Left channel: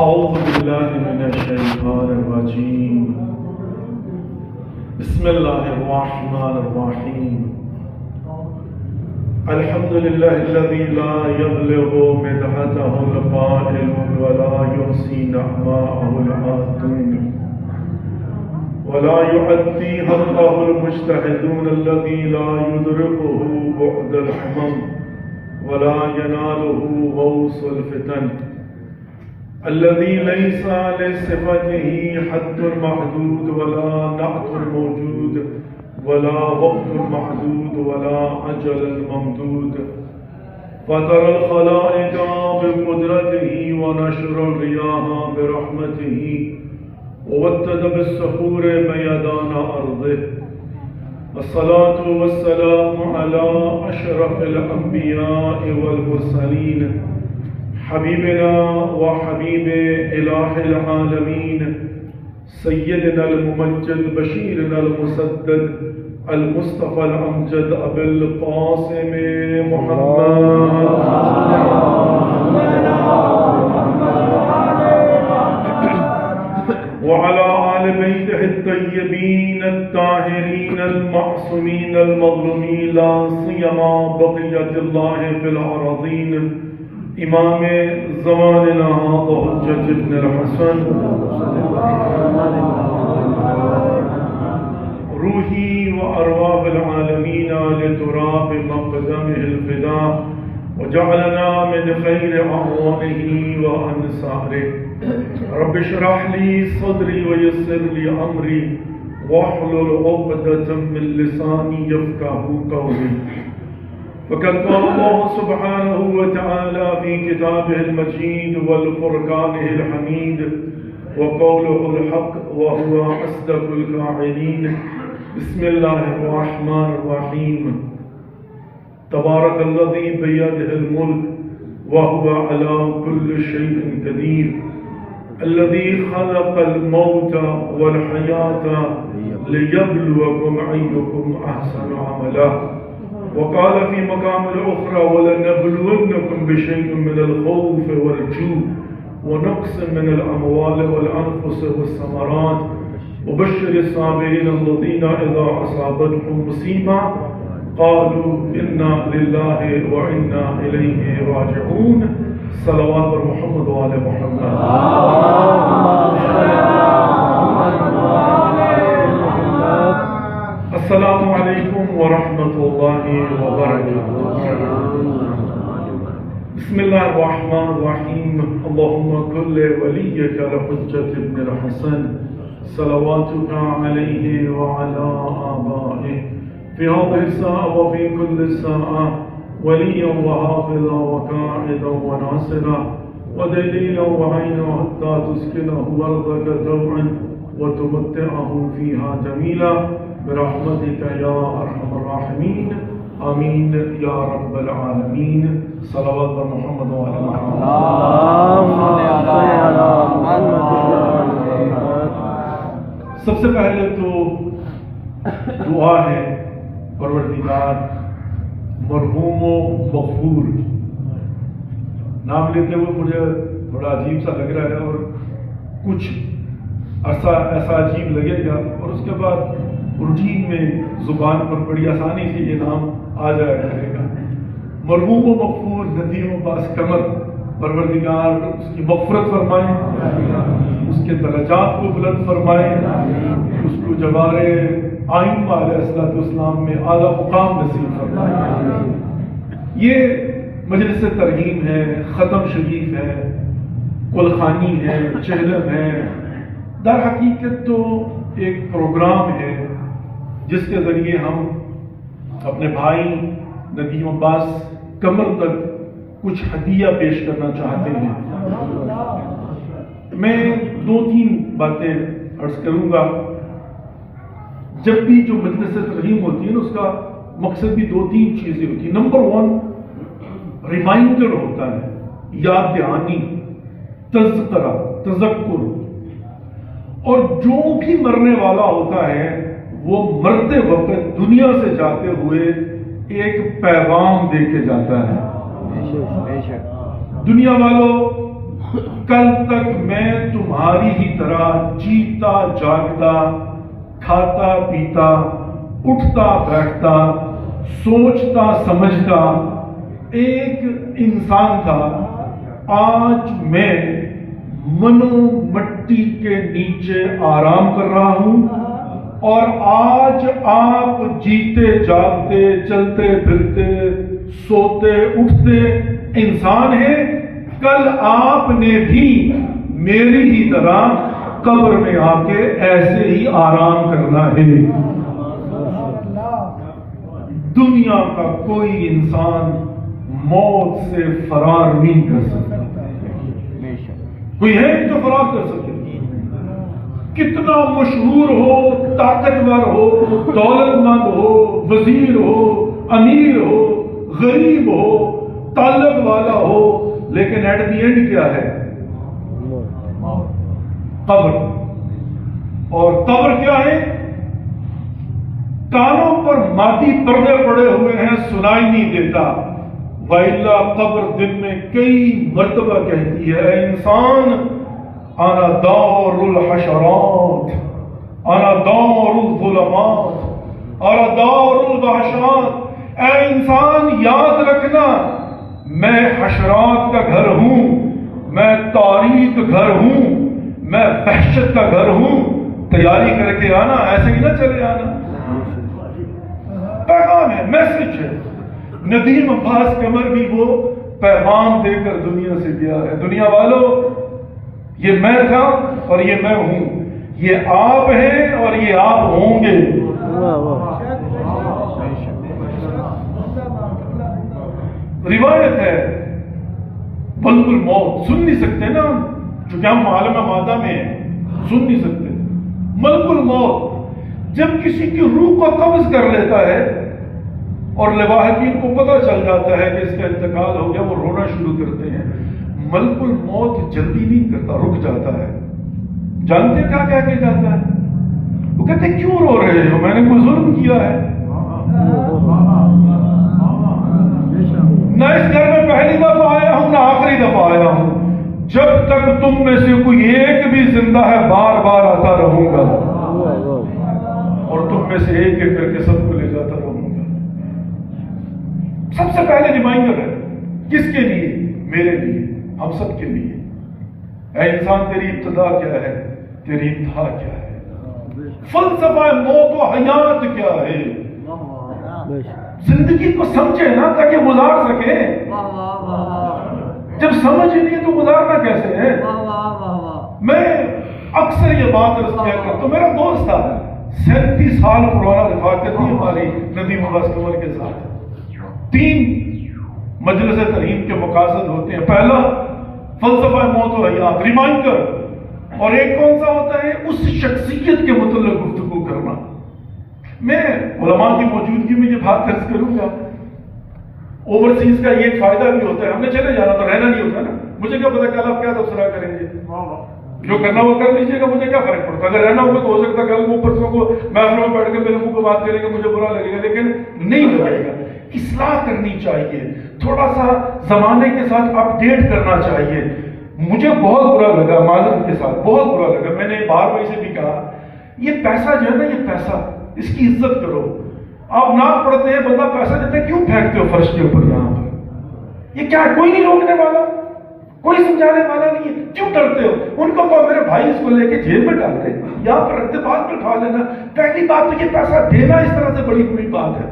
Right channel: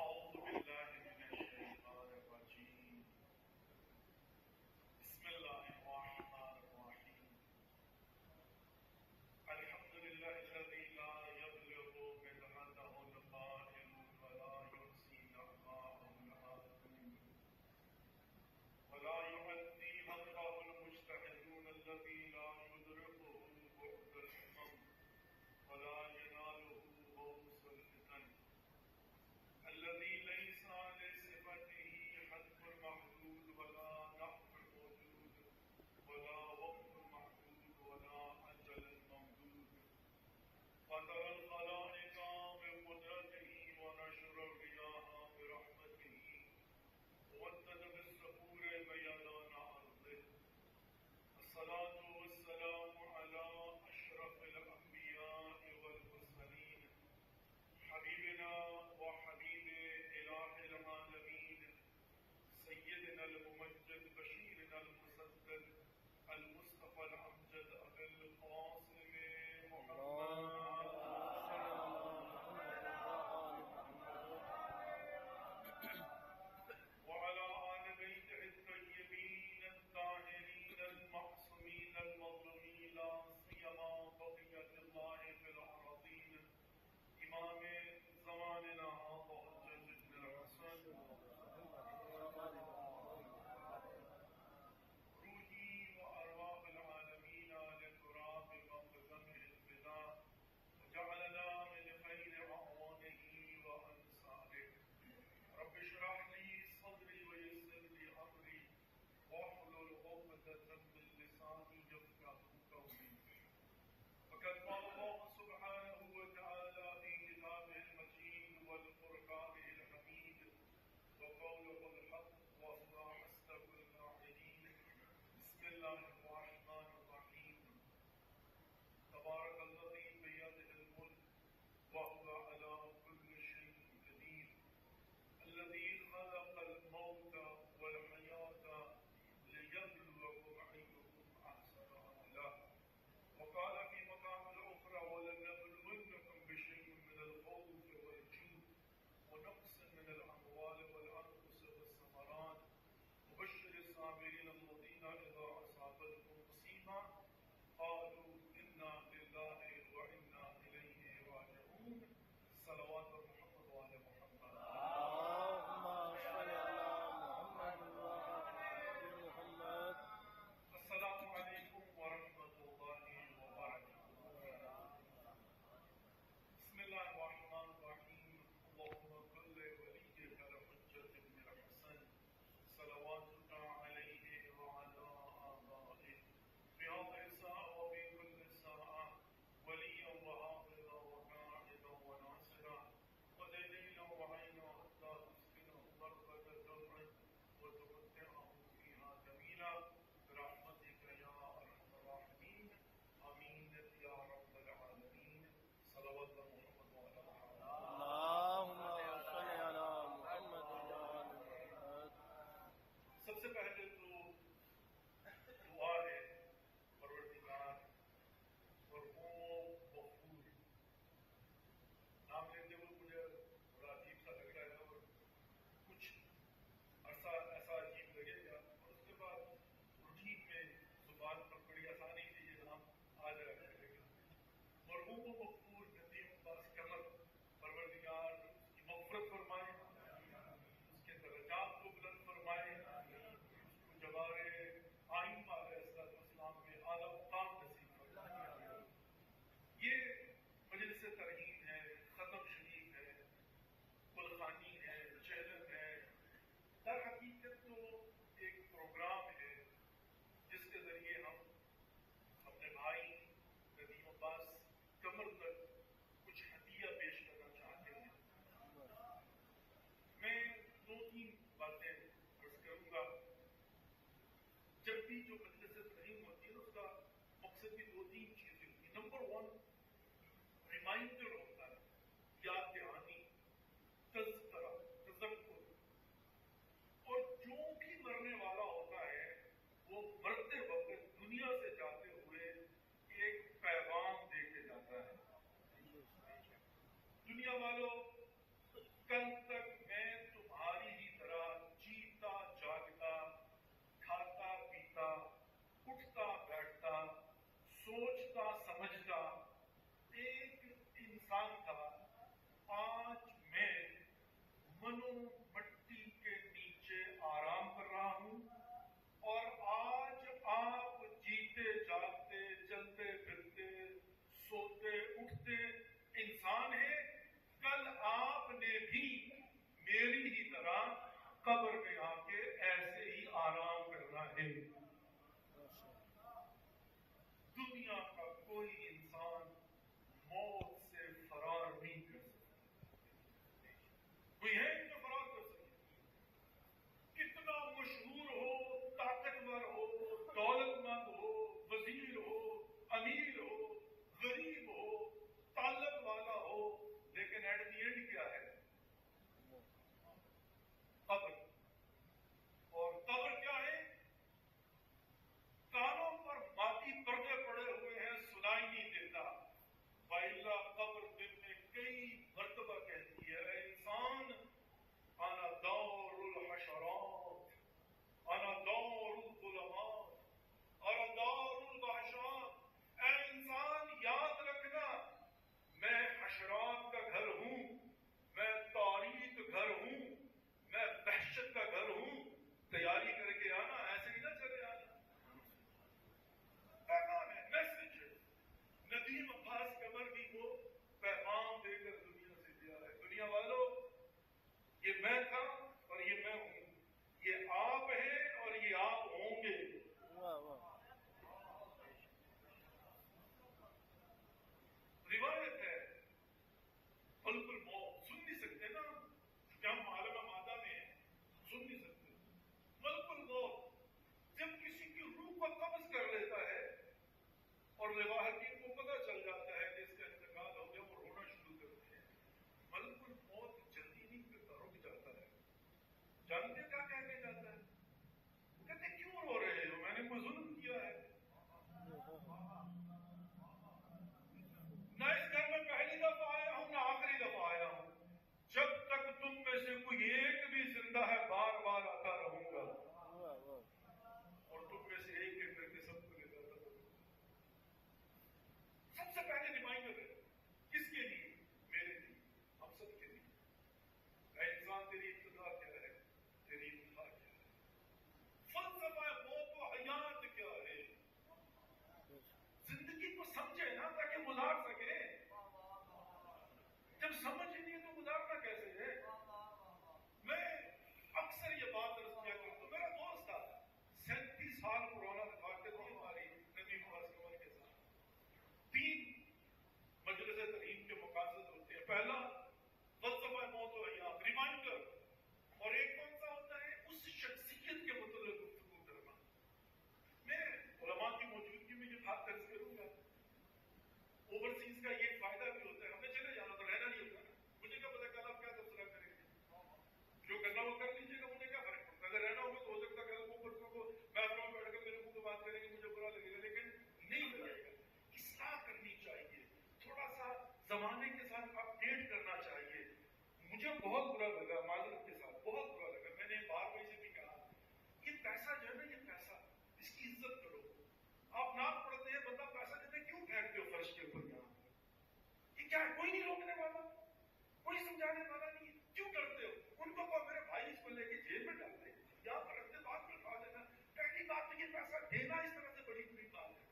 أعوذ بالله من الشيطان الرجيم. بسم الله الرحمن الرحيم. الحمد لله الذي لا يبلغ مدحته القائل ولا يحصي نعماءه العادون ولا يؤدي حقه المجتهدون الذي لا يدركه بعد الحمم ولا يناله غوص الفتن الذي ليس لصفته حد محدود ولا نعت موجود ولا وقت محدود ولا أجل ممدود فطر الخلائق بقدرته ونشر الرياح برحمته ووتد بالسحور ميدان أرضه. الصلاة والسلام على أشرف الأنبياء والمرسلين حبيبنا وحبيب إله العالمين سيدنا الممجد بشيرنا المسدد المصطفى الأمجد أبي القاسم محمد وعلى آل بيته الطيبين الطاهرين المعصومين المظلومين لا سيما بقية الله في الأراضين امام زماننا هذا حجة ابن الحسن روحي وأرواح العالمين لتراب مقدمه الفداء وجعلنا من خير أعوانه وأنصاره. رب اشرح لي صدري ويسر لي أمري واحلل عقدة من لساني يفقهوا قولي. فقد قال الله سبحانه وتعالى في كتابه المجيد والفرقانه الحميد وقوله الحق وهو أصدق القائلين. بسم الله الرحمن الرحيم. تبارك الذي بيده الملك وهو على كل شيء قدير الذي خلق الموت والحياة ليبلوكم أيكم أحسن عملا. وقال في مقام الأخرى ولنبلونكم بشيء من الخوف والجوع ونقص من الأموال والأنفس والثمرات وبشر الصابرين الذين إذا أصابتهم مصيبة قالوا إنا لله وإنا إليه راجعون. صلوات محمد وآل محمد. السلام علیکم ورحمۃ اللہ وبرکاتہ. بسم اللہ الرحمن الرحیم. اللهم كل وليك الحجة ابن الحسن صلواتك عليه وعلى آبائه في هذه الساعة وفي كل ساعة وليا وحافظا وقائدا وناصرا ودليلا وعينا حتى تسكنه أرضك طوعا وتمتعه فيها جميلا برحمتك يا أرحم الراحمين. آمين يا رب العالمين. صلوات محمد وعلى محمد. سب سے پہلے تو دعا ہے پروردگار مرحوم و مغفور. نام لیتے ہوئے مجھے بڑا عجیب سا لگ رہا ہے اور کچھ عرصہ ایسا عجیب لگے گا اور اس کے بعد روٹین میں زبان پر بڑی آسانی سے یہ نام آ جایا کرے گا. مرحوم و مغفور ندیم و باس کمر پروردگار اس کی مغفرت فرمائے, اس کے درجات کو بلند فرمائے, اس کو جوار آئمہ علیہ السلام میں اعلیٰ مقام نصیب فرمائے. یہ مجلس ترحیم ہے, ختم شریف ہے, کلخانی ہے, چہلم ہے. در حقیقت تو ایک پروگرام ہے جس کے ذریعے ہم اپنے بھائی ندیم عباس کمر تک کچھ ہدیہ پیش کرنا چاہتے ہیں. میں 2-3 باتیں عرض کروں گا. جب بھی جو مجلس ترحیم ہوتی ہے نا, اس کا مقصد بھی 2-3 چیزیں ہوتی ہیں. نمبر 1 ریمائنڈر ہوتا ہے, یاد دہانی, تذکرہ, تذکر. اور جو بھی مرنے والا ہوتا ہے وہ مرتے وقت دنیا سے جاتے ہوئے ایک پیغام دے کے جاتا ہے. دنیا والوں کل تک میں تمہاری ہی طرح جیتا جاگتا، کھاتا پیتا، اٹھتا بیٹھتا، سوچتا سمجھتا ایک انسان تھا۔ آج میں منو مٹی کے نیچے آرام کر رہا ہوں، اور آج آپ جیتے جاگتے، چلتے پھرتے، سوتے اٹھتے انسان ہیں۔ کل آپ نے بھی میری ہی طرح قبر میں آ کے ایسے ہی آرام کرنا ہے۔ دنیا کا کوئی انسان موت سے فرار نہیں کر سکتا۔ کوئی ہے جو فرار کر سکے؟ کتنا مشہور ہو، طاقتور ہو، دولت مند ہو، وزیر ہو، امیر ہو، غریب ہو، تعلق والا ہو، لیکن ایٹ دی اینڈ کیا ہے؟ قبر۔ اور قبر کیا ہے؟ کانوں پر مادی پردے پڑے ہوئے ہیں، سنائی نہیں دیتا، وَإِلَّا قبر دن میں کئی مرتبہ کہتی ہے، اے انسان انا دار الحشرات، انا دار الظلمات، انا دار الوحشات۔ اے انسان یاد رکھنا، میں حشرات کا گھر ہوں، میں تاریک گھر ہوں، میں وحشت کا گھر ہوں۔ تیاری کر کے آنا، ایسے ہی نہ چلے آنا۔ پیغام ہے، میسج ہے۔ ندیم عباس قمر بھی وہ پیغام دے کر دنیا سے گیا ہے۔ دنیا والوں، یہ میں تھا اور یہ میں ہوں، یہ آپ ہیں اور یہ آپ ہوں گے۔ روایت ہے ملک الموت، سن نہیں سکتے نا ہم، چونکہ ہم عالم مادہ میں ہیں، سن نہیں سکتے۔ ملک الموت جب کسی کی روح کو قبض کر لیتا ہے اور لواحقین کو پتہ چل جاتا ہے کہ اس کا انتقال ہو گیا، وہ رونا شروع کرتے ہیں۔ ملک الموت جلدی نہیں کرتا، رک جاتا ہے۔ جانتے کیا کہہ کے جاتا ہے؟ وہ کہتے کیوں رو رہے ہو؟ میں نے کوئی ظلم کیا ہے؟ نہ اس گھر میں پہلی دفعہ آیا ہوں، نہ آخری دفعہ آیا ہوں۔ جب تک تم میں سے کوئی ایک بھی زندہ ہے، بار بار آتا رہوں گا، اور تم میں سے ایک ایک کر کے سب کو لے جاتا رہوں گا۔ سب سے پہلے ریمائنڈر ہے، کس کے لیے؟ میرے لیے، ہم سب کے لیے۔ اے انسان، تیری ابتدا کیا ہے؟ تیری انتہا کیا ہے؟ فلسفہ موت و حیات کیا ہے؟ زندگی کو سمجھے نا تاکہ گزار سکے۔ جب سمجھ نہیں تو گزارنا کیسے ہے؟ میں اکثر یہ بات عرض کیا کرتا ہوں، میرا دوست تھا 37 سال پرانا رفاقت تھی ہماری ندیم عباس قمر کے ساتھ۔ 3 مجلس ترہیم کے مقاصد ہوتے ہیں، پہلا فلسفہ موت و حیات، ریمائنڈر، اور ایک کون سا ہوتا ہے؟ اس شخصیت کے متعلق گفتگو کرنا۔ میں علماء کی موجودگی میں یہ بات عرض کروں گا، اوورسیز کا یہ ایک فائدہ بھی ہوتا ہے، ہم نے چلے جانا تو رہنا نہیں ہوتا نا۔ مجھے کیا پتا کل آپ کیا تبصرہ کریں گے، جو کرنا وہ کر لیجیے گا، مجھے کیا فرق پڑتا؟ اگر رہنا ہوگا تو ہو سکتا ہے کل وہ پرسوں کو محفلوں میں بیٹھ کے میرے منہ کو بات کریں گے، مجھے برا لگے گا، لیکن نہیں لگے گا۔ اصلاح کرنی چاہیے، تھوڑا سا زمانے کے ساتھ اپ ڈیٹ کرنا چاہیے۔ مجھے بہت برا لگا، معذرت کے ساتھ بہت برا لگا، میں نے بار بار سے بھی کہا، یہ پیسہ جو ہے نا، یہ پیسہ، اس کی عزت کرو۔ آپ نعت پڑھتے ہیں، بندہ پیسہ دیتے ہیں، کیوں پھینکتے ہو فرش کے اوپر یہاں پر؟ یہ کیا ہے؟ کوئی نہیں روکنے والا، کوئی سمجھانے والا نہیں ہے، کیوں ڈرتے ہو؟ ان کو کہو میرے بھائی اس کو لے کے جیل میں ڈال دے، یہاں پر رکھتے، بعد میں اٹھا لینا۔ پہلی بات تو یہ پیسہ دینا اس طرح سے بڑی بڑی بات ہے،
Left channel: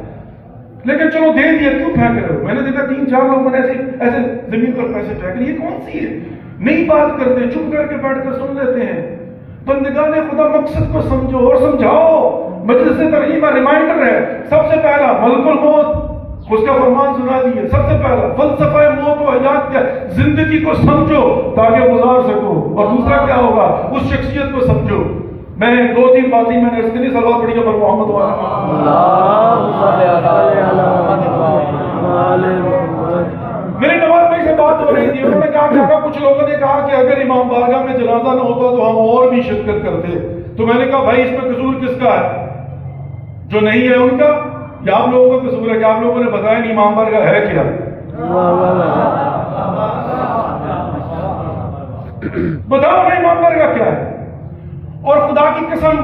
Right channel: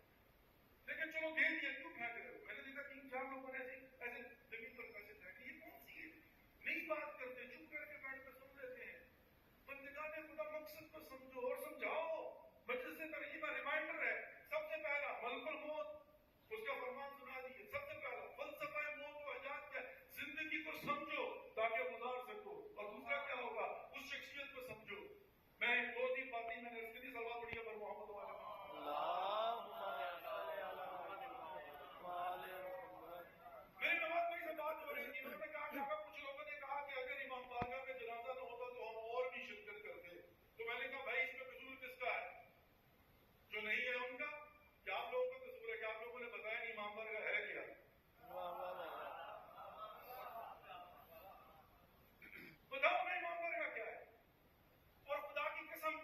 لیکن چلو دے دیا، کیوں پھینک رہے ہو؟ میں نے دیکھا 3-4 لوگوں نے ایسے زمین پر پیسے پھینک رہے، یہ کون سی ہے؟ نہیں بات کرتے، چپ کر کے بیٹھ کر سن لیتے ہیں۔ بندگان خدا مقصد کو سمجھو اور سمجھاؤ۔ مجلس ترہیم ریمائنڈر ہے، سب سے پہلا ملک الموت، اس کا فرمان سنا دیے۔ سب سے پہلا فلسفہ موت و حیات کیا؟ زندگی کو سمجھو تاکہ گزار سکو، اور دوسرا کیا ہوگا؟ اس شخصیت کو سمجھو۔ میں 2-3 باتیں میں نے اس کے لیے سلوات پڑھی ہے پر محمد میرے نواز بھائی سے بات ہو رہی تھی، انہوں نے کہا کہ کچھ لوگوں نے کہا کہ اگر امام بارگاہ میں جنازہ نہ ہوتا تو ہم اور بھی شرکت کرتے۔ تو میں نے کہا بھائی اس میں قصور کس کا ہے؟ جو نہیں ہے ان کا، یا آپ لوگوں کا قصور ہے کہ آپ لوگوں نے بتایا نہیں امام بارگاہ ہے کیا؟ بتاؤ نا امام بارگاہ کیا ہے؟ اور خدا کی قسم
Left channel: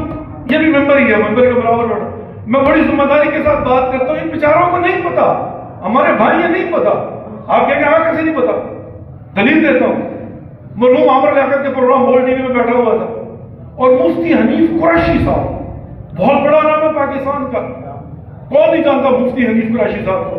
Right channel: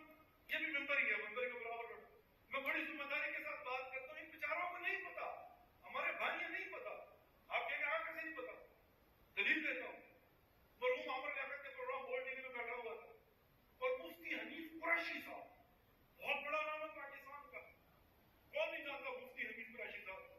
یہ بھی ممبر ہی ہے، ممبر کے برابر بیٹھا، میں بڑی ذمہ داری کے ساتھ بات کرتا ہوں، ان بیچاروں کو نہیں پتا، ہمارے بھائی یہ نہیں پتا، آپ کہیں گے ہاں کیسے نہیں پتا؟ دلیل دیتا ہوں، مرحوم عامر لیاقت کے پروگرام بول ٹی وی میں بیٹھا ہوا تھا، اور مفتی حنیف قریشی صاحب، بہت بڑا نام ہے پاکستان کا، کون نہیں جانتا مفتی حنیف قریشی صاحب کو،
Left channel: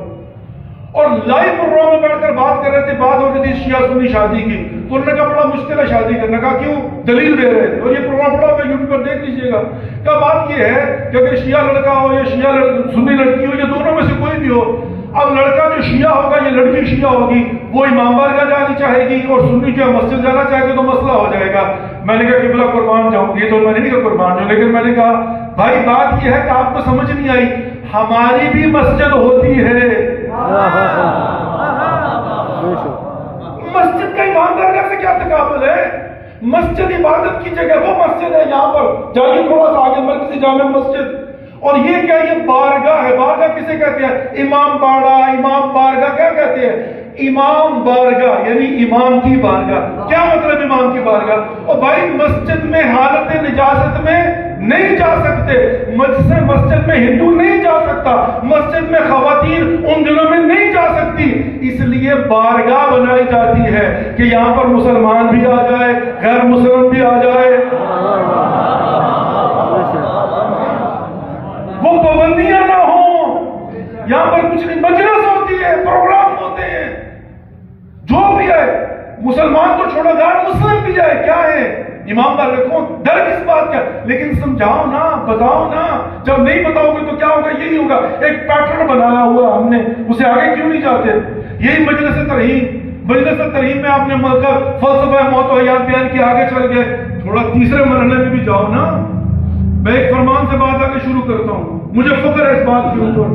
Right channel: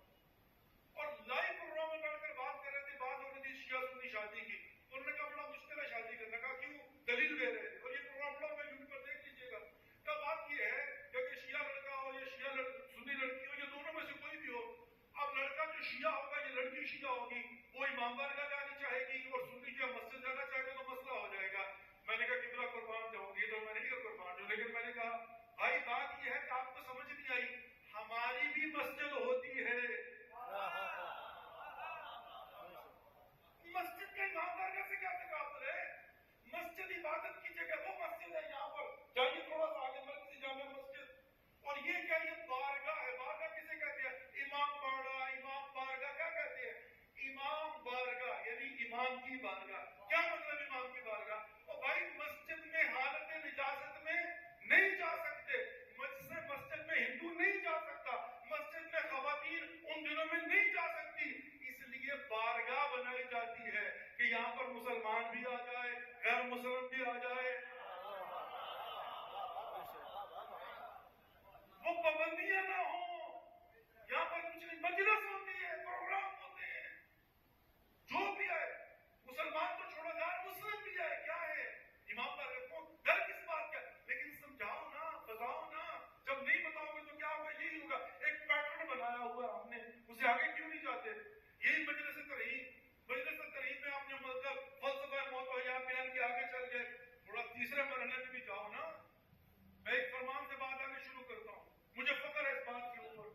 اور لائیو پروگرام میں بیٹھ کر بات کر رہے تھے، بات ہو رہی تھی شیعہ سنی شادی کی، تو انہوں نے کہا بڑا مشکل ہے شادی کرنا، کہا کیوں؟ دلیل دے رہے تھے، اور یہ پروگرام پڑا ہوا یوٹیوب پر دیکھ لیجئے گا، کہا بات یہ ہے کہ اگر شیعہ لڑکا ہو یا سنی لڑکی ہو یا دونوں میں سے کوئی بھی ہو، اب لڑکا جو شیعہ ہوگا یا لڑکی شیعہ ہوگی وہ امام بارگاہ جانی چاہے گی اور سنی جو مسجد جانا چاہے گی تو مسئلہ ہو جائے گا۔ میں نے کہا قبلہ قربان جاؤں، یہ تو میں نے نہیں کہا قربان جاؤں، لیکن میں نے کہا بھائی بات یہ ہے کہ آپ کو سمجھ نہیں آئی، ہماری بھی مسجد ہوتی ہے، مسجد کا امام بارگاہ سے کیا تقابل ہے؟ مسجد عبادت کی جگہ، وہ مسجد ہے یہاں پر جائیے تھوڑا سا آگے مرکزی جامع مسجد، اور یہ کیا؟ یہ بارگاہ ہے، بارگاہ کسے کہتے ہیں؟ امام باڑہ، امام بارگاہ کیا کہتے ہیں؟ امام بارگاہ یعنی امام کی بارگاہ۔ کیا مطلب امام کی بارگاہ؟ اور بھائی مسجد میں حالت نجاست میں نہیں جا سکتے، مسجد میں ہندو نہیں جا سکتا، مسجد میں خواتین ان دنوں میں نہیں جا سکتی، اس لیے بارگاہ بنائی جاتی ہے کہ یہاں پر مسلمان بھی آ جائے، غیر مسلم بھی آ جائے، وہ پابندیاں نہ ہوں، یہاں پر کچھ نہیں، مجلس ہوتی ہے، پروگرام ہوتے ہیں، جو بھی ہے، مسلمان کو چھوڑا جائے، مسلم بھی جائے، کیا ہے؟ امام بارگاہ کون؟ ڈر کس بات کا؟ لیکن سمجھاؤ نا، بتاؤ نا، جب نہیں بتاؤ گے تو کیا ہوگا؟ یہی ہوگا، ایک پیٹرن بنایا ہوا ہم نے، اسے آگے کیوں نہیں جاتے؟ یہی مجلس ترہیم میں آپ نے فلسفہ موت و حیات بیان کی، آگے چل گئے، تھوڑا تیسرے مرحلے میں بھی جاؤ نا۔ میں ایک فرمان سے بات آگے شروع کرتا ہوں، مجھے فخر ہے اس بات کے اوپر۔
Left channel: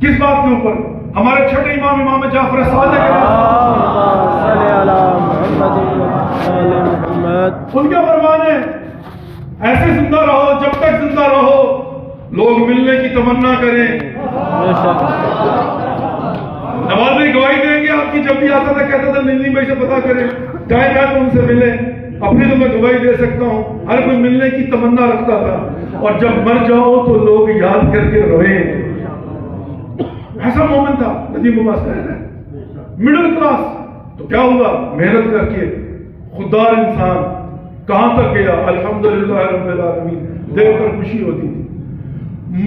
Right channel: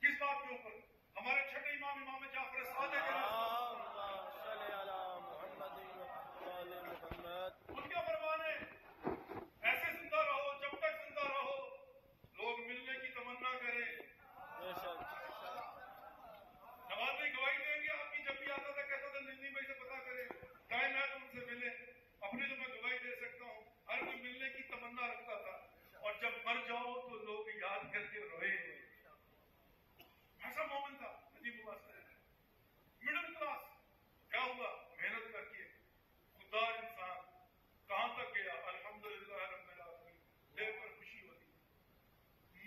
کس بات کے اوپر؟ ہمارے چھٹے امام جعفر صادق ان کا فرمان ہے، ایسے زندہ رہو جب تک زندہ رہو لوگ ملنے کی تمنا کریں۔ نواز بھائی گواہی دیں گے آپ کی، جب بھی آتا تھا کہتا تھا نندی بھائی سے پتا کریں، جائے گا تو ان سے ملے، اپنی تو میں گواہی دے سکتا ہوں، ہر کوئی ملنے کی تمنا رکھتا تھا، اور جب مر جاؤ تو لوگ یاد کر کے روئیں۔ ایسا مومن تھا ندیم عباس کہہ رہے ہیں، مڈل کلاس، تو کیا ہوا؟ محنت کر کے خوددار انسان کہاں تک گیا؟ الحمدللہ رب العالمین، دیکھ کر خوشی ہوتی تھی۔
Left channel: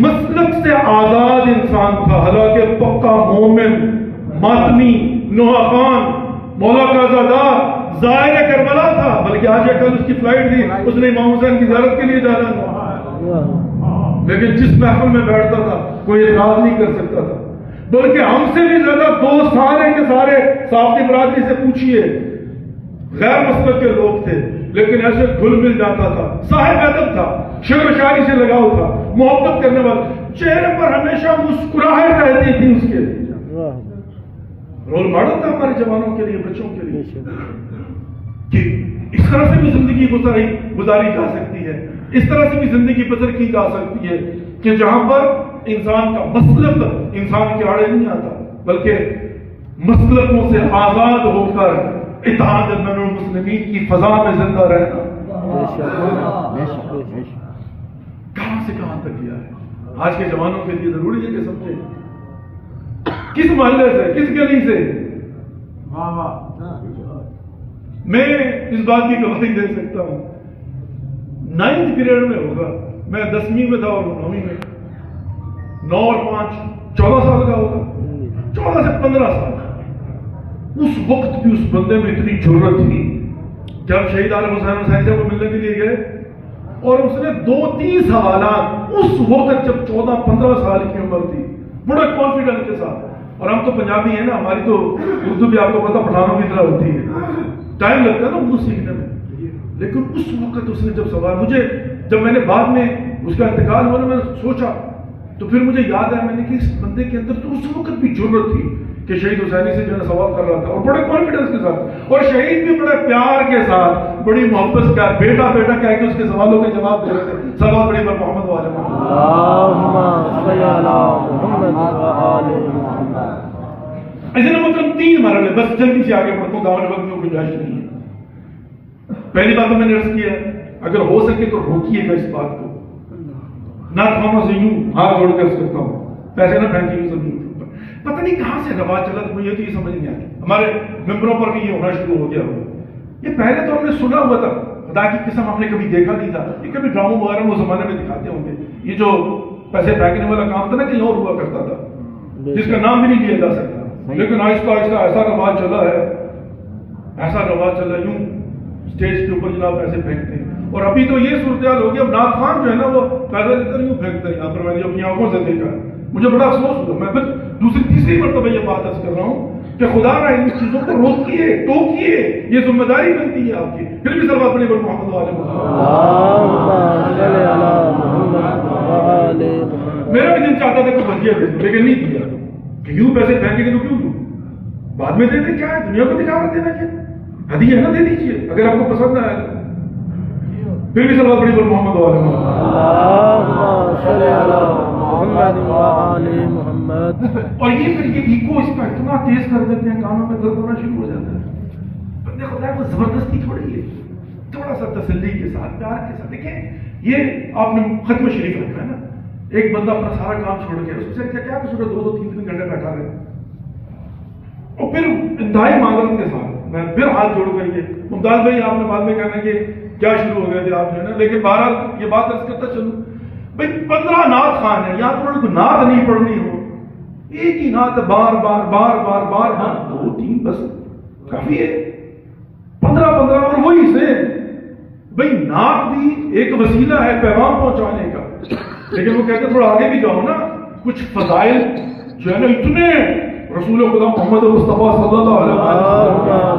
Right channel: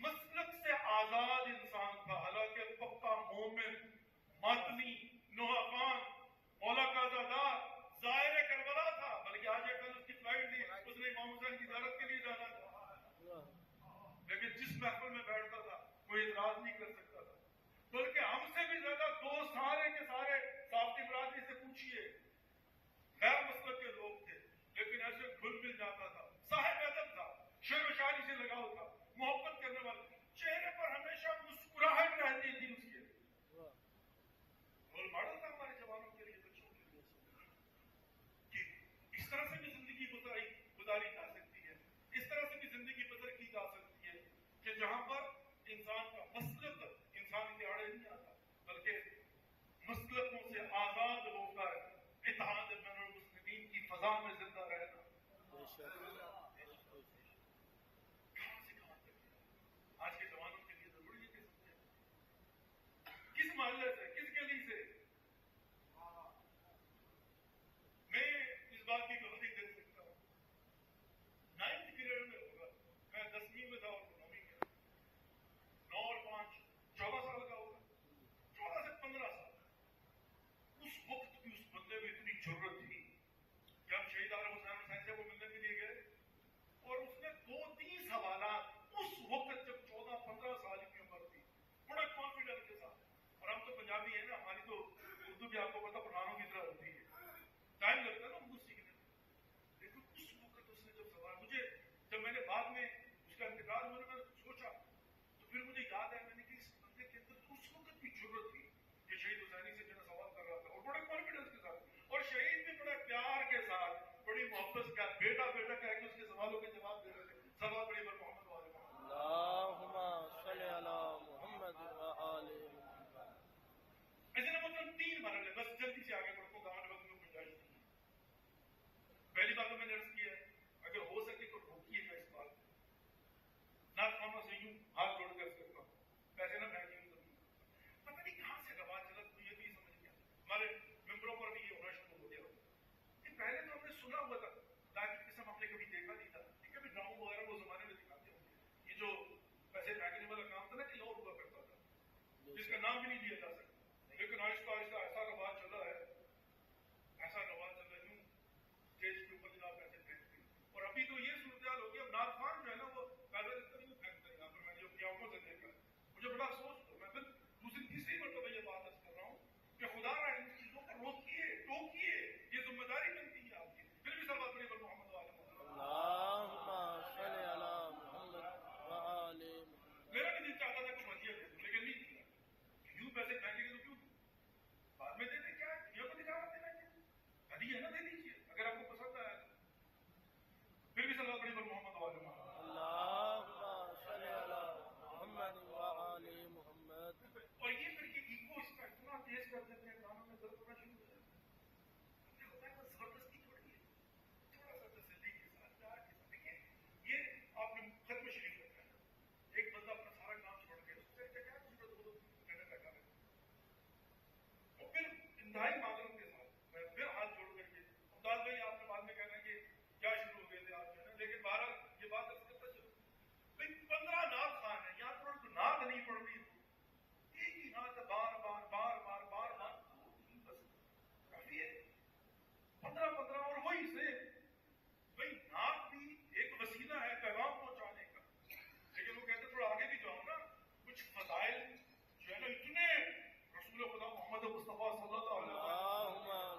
مسلک سے آزاد انسان تھا، حالانکہ پکا مومن، ماتمی، نوحہ خان، مولا کا زادہ، زائر کربلا تھا، بلکہ آج کل اس کی فلائٹ تھی، اس نے امام حسین کی زیارت کے لیے جانا تھا، لیکن جس محفل میں بیٹھتا تھا کوئی اعتراض نہیں کر سکتا تھا، بلکہ ہم سے بھی زیادہ دوست سارے کے سارے صافی برادری سے پوچھئے، غیر مسلک کے لوگ تھے لیکن ایسے گھل مل جاتا تھا، صاحب ادب تھا، شعر و شاعری سے لگاؤ تھا، محبت کرنے والا، چہرے پر ہمیشہ مسکراہٹ رہتی تھی اس کے، رول ماڈل تھا ہمارے جوانوں کے لیے، بچوں کے لیے، کہ اس طرح سے بھی زندگی گزاری جا سکتی ہے، اس طرح سے بھی زندگی بسر کی جا سکتی ہے کہ جہاں پر انسان کا مسلک انسان کے آڑے نہیں آتا، بلکہ مسلکوں سے آزاد ہو کر اتحاد بین المسلمین کی فضا میں زندہ رہنا۔ کہاں سے کہاں تک گیا ہے؟ آج کے جوانوں کے لیے ضروری ہے کہ سمجھیں، کس محلے سے، کس گلی سے۔ میں اس بات کی گواہی دے سکتا ہوں، 9th گریڈ میں ہوگا، میں 10ویں میں تھا اور 9ویں میں، 9 اور 5 14 سال کا ہوگا، 14 سے 15 سال۔ اس وقت بھی اس بندے میں اتنی جرت تھی کہ ہم شہید عالم حسین حسین سے وہ ملنے کے لیے گئے، اور اس نے 2-3 سوالات اس وقت جب 14-15 سال کی عمر تھی، بڑے کانفیڈنس کے ساتھ، اور ہم تو پنجابی ہیں نا، ہماری تو اردو بھی آپ کو پتا پٹھانوں کی طرح ہوتی ہے، ٹائم لگتا ہے نا اردو سیکھنے میں، لیکن اس وقت اس نے جب سوال، مجھے جب میں نے بعد میں اس کا انتقال ہونے میں سوچا تو پھر مجھے یاد آیا، میں نے کہ اس بندے کے اندر تو اس وقت بھی جرت تھی کہ شہید حسینی سے جو ہے سوال کر رہا تھا، اور بڑے کانفیڈنس کے ساتھ، اور شہید بھی بڑے پیار کے ساتھ، بڑی محبت سے بیٹا بیٹا کہہ کے اس کے سوالوں کے جواب دے رہے تھے۔ سوال بڑی بر محمد والے ایسے نا، مطلب 3 مرحلے، بس جلدی سے آگے بڑھتا ہوں، دعوت وقت میں گنجائش نہیں ہے۔ پہلی بات تو میں نے عرض کیا اگر ہو سکے تو روکیے گا اس بات کو. ناخوانوں سے یوں ہاتھ جوڑ کر کرتا ہوں پیسے نہ پھینکیے زمین کے اوپر. پتہ نہیں کہاں سے رواج چلا تو مجھے تو یہ سمجھ نہیں آتی. ہمارے ممبروں پر بھی یہ ہونا شروع ہو گیا ہوا. یہ پہلے تو ہم نے سنا ہوا تھا, خدا کی قسم ہم نے کبھی دیکھا نہیں تھا. یہ کبھی ڈراموں وغیرہ میں اس زمانے میں دکھاتے ہوں گے. یہ جو پیسے پھینکنے والا کام تھا نا کہیں اور ہوا کرتا تھا جس کا نام بھی نہیں لیا جا سکتا, لیکن آہستہ آہستہ ایسا رواج چلا ہے, ایسا رواج چلا یوں اسٹیج کے اوپر جناب پیسے پھینکتے ہیں. اور ابھی تو یہ صورتحال ہوگی اب نعت خوان جو ہے نا وہ پیسے لے کر یوں پھینکتے ہیں. یہاں پر میں نے اپنی آنکھوں سے دیکھا, مجھے بڑا افسوس ہوا. میں پھر دوسری تیسری مرتبہ یہ بات عرض کر رہا ہوں کہ خدا نہ ان چیزوں کو روکیے, ٹوکیے, یہ ذمہ داری بنتی ہے آپ کی. پھر بھی سب اپنے پر محمد والے میرا بھی دل چاہتا تھا کہ بھجیا دے دوں لیکن نہیں دیا کہ یوں پیسے پھینکیں گے تو کیوں دوں, بعد میں دے دیں. کیا ہے دنیا کو دکھاوا دینا, کیا ہدیہ ہے نا دے دیجیے اگر آپ کو پسند نہ آئے. پھر بھی سب اپنے پر محمد والے اور یہ پھر یہ ایکو اس کا اتنا تیز کر دیتے ہیں کانوں میں درد ہونا شروع ہو جاتا ہے. بندے خدا کو زبردستی تھوڑی ہے, تھوڑا سا تسلی کے ساتھ پیار کے ساتھ. دیکھیں یہ آپ نے ختم شریف رکھا ہے نا, ایک بندہ اپنا سارا کام چھوڑ کے اس سے کیا قصور ہے 2-3 گھنٹے بیٹھا رہے اور پھر انتہائی معذرت کے ساتھ میں پھر ہاتھ جوڑ کر کے ممتاز بھائی آپ نے بعد میں کہنا کہ کیا شروع ہو گئے تھے آپ جو ہے نا, لیکن بہرحال یہ بات عرض کرتا چلوں بھائی 15 نعت خوان ہے, یہاں تو کوئی نعت نہیں پڑھنی ہو, ایک ہی نعت بار بار بار بار بار 2-3 بس کافی ہے. 15 اور وہی سے بھائی نعت بھی ایک وسیلہ ہے پیغام پہنچانے کا, لیکن وہ کہتے تھوڑا آگے بھی جاؤ نا. کچھ فضائل جو ہے نا اتنے رسول خدا محمد مصطفیٰ صلی اللہ علیہ وسلم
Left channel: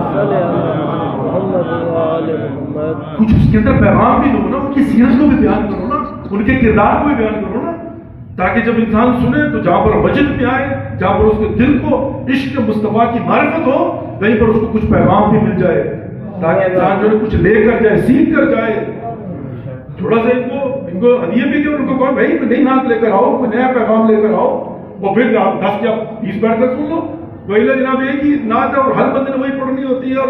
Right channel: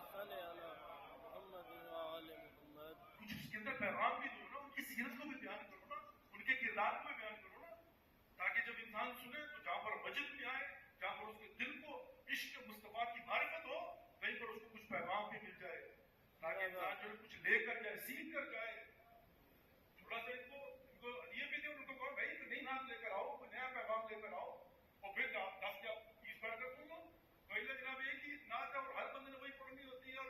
کچھ اس کے اندر پیغام بھی دو نا, ان کی سیرت کو بھی بیان کرو نا, ان کے کردار کو بھی بیان کرو نا, تاکہ جب انسان سنے تو جہاں پر وجد میں آئے, جہاں پر اس کے دل کو عشق مصطفیٰ کی معرفت ہو, وہیں پر اس کو کچھ پیغام بھی مل جائے, تاکہ انسان جو ہے کچھ لے کر جائے, سیکھ کر جائے. تھوڑا سا ان کو ہدیہ بھی دو, ان کو کہو بھائی نئی نعت لے کر آؤ, کوئی نیا پیغام لے کر آؤ, اور پھر آپ 10 یا 20 بیٹھ کر سن لو. وہی جناب ایک ہی نعت ہے اور ہر بندے نے وہی پڑھنی ہوتی ہے, اور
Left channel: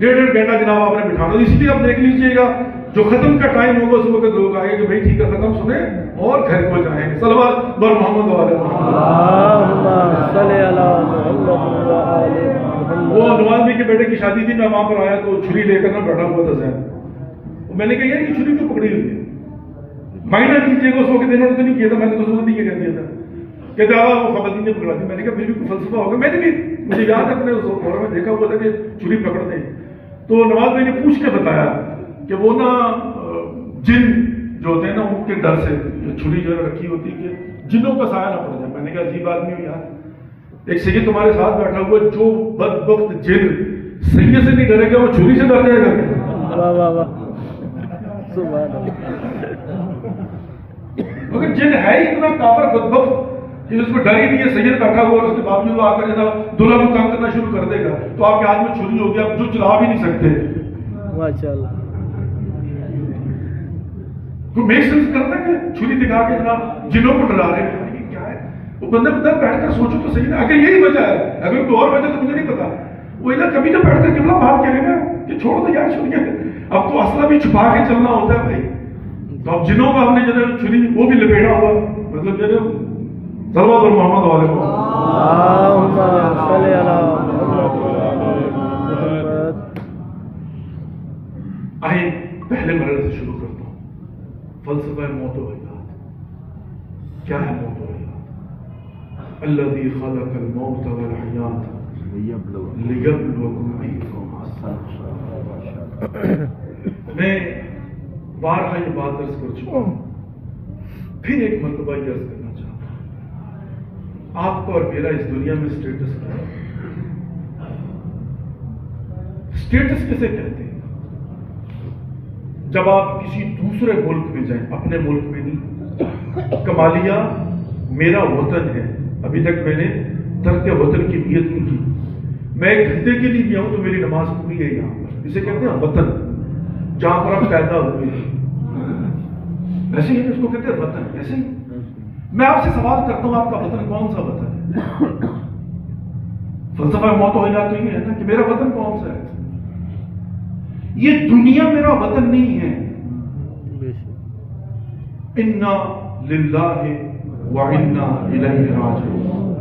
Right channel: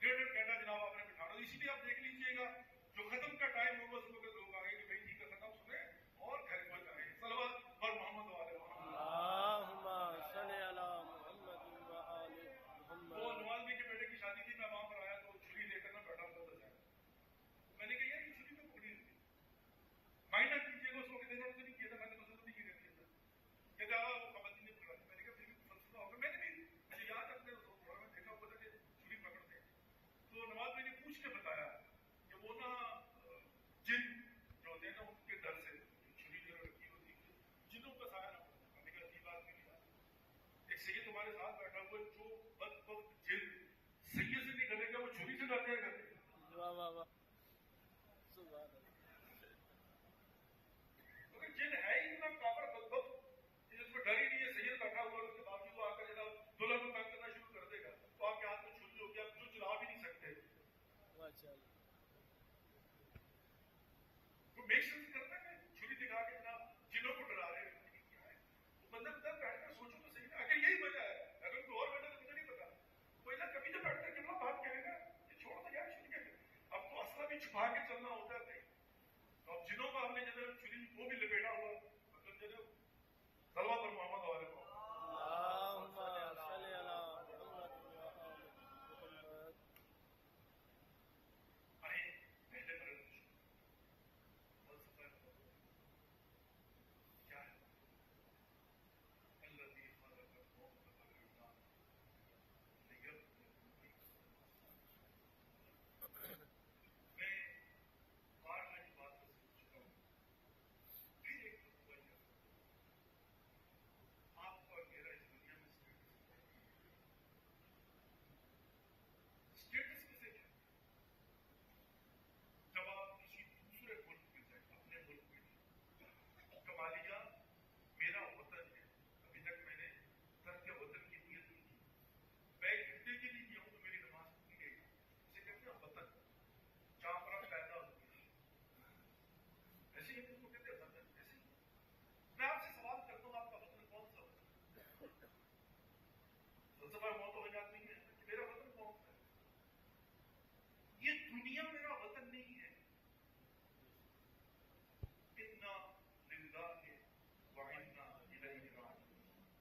1.5 گھنٹہ جناب آپ نے بٹھانا. اس لیے آپ دیکھ لیجئے گا جو ختم کا ٹائم ہوگا اس وقت لوگ آئے کہ بھائی ٹھیک ہے ختم سنیں اور گھر کو جائیں. صلوات بر محمد والے وہ نواز بھائی کے بیٹے کی شادی تھی, میں وہاں پر آیا تو چھری لے کر نہ بیٹھا ہوا تھا ذہن. میں نے کہا یار یہ چھری کیوں پکڑی ہوئی ہے, مائنڈ کیجیے گا اس وقت انہوں نے تو نہیں کیا تھا, میں نے اس وقت نہیں کیا دیا تھا کہتے وہ خواتین نے پکڑا دی. میں نے کہا پھر بھی فلسفہ ہوگا. میں نے بھی مجھے یاد ہے اپنے فورم میں دیکھا ہوا تھا کہ چھری پکڑتے ہیں. تو نواز بھائی نے پوچھ کے بتایا کہ وہ نا جن جو ہوتے ہیں نا ان کے ڈر سے چھری جو ہے رکھی ہوتی ہے کہ جنوں کا سایہ نہ پڑ جائے. میں نے کہا عجیب آدمی ہو یار, ایک سید تمہارے ساتھ بیٹھا ہوا جو بدبخت جن سید سے نہیں ڈرے گا وہ چھری سے ڈر جائے گا. مگر جن ہے ہی اتنا کافر بدبخت کہ اس میں ڈر ہی نہیں ہے, سید بیٹھا ہوا اور اس کے باوجود وہ آ کر جیسا دلہا کو تنگ کرنا شروع کر دے گا تو آپ کے ہاتھ میں چھری ہوگی, آپ جو چلا بھی نہیں سکتے. ماشاءاللہ کوئی میک سینس کرتا ہے کہ چھری دکھا کے جناب جنوں کو ڈرا رہے ہیں, کیا ہے وہ بندہ بیٹھ کر سوچو تو صحیح نا. اگر یہی وجہ ہے, اگر کوئی اور وجہ تو مجھے نہیں پتا. وہ ادھر کبھی تو بیٹھ کر قبلہ بات کرے گا کہ چھوڑ دو یار چھریاں, اب تو اسلحہ بھی چھپا کے چلنا ہوتا ہے بھائی. تو اب جنوں کا ہم نے جو چھری وہ بھی لپیٹا ہوا, مطلب جو صلوات اور محمد والے کو آئے. پہلے مرحلے سے شروع کرتا ہوں. فلسفہ موت و حیات. کیا ہے موت و حیات؟ الذی خلق الموت والحیات لیبلوکم ایکم احسن عملا. میں بارہا یہ بات عرض کر چکا ہوں, پھر ایک مرتبہ یہ عرض کرنا چاہتا ہوں. آپ کا اور میرا اس دنیا میں اسٹیٹس کیا ہے؟ اسٹیٹس کسے کہتے ہیں؟ جب آپ کسی دوسرے ملک میں جائیں, اپنے ملک میں نہیں. کمالیہ میرا وطن ہے, ابھی تک میں نے ترک وطن کی نیت نہیں کی. میں 1 گھنٹے کے لیے گیا ہوں تو میری نماز پوری ہے یہاں پر. اسے کہتے ہیں وطن, جہاں پر آپ پیدا ہوئے ہیں. ایسے ہی اس کو کہتے ہیں وطن. ایسے ہی میں آپ سے سوال کرتا ہوں, آپ کا وطن کون سا وطن ہے؟ فلسفہ موت و حیات تو یہ ہے نا کہ میرا وطن کون سا ہے. یہ دنیا میرا وطن نہیں ہے. انا للہ و انا الیہ راجعون.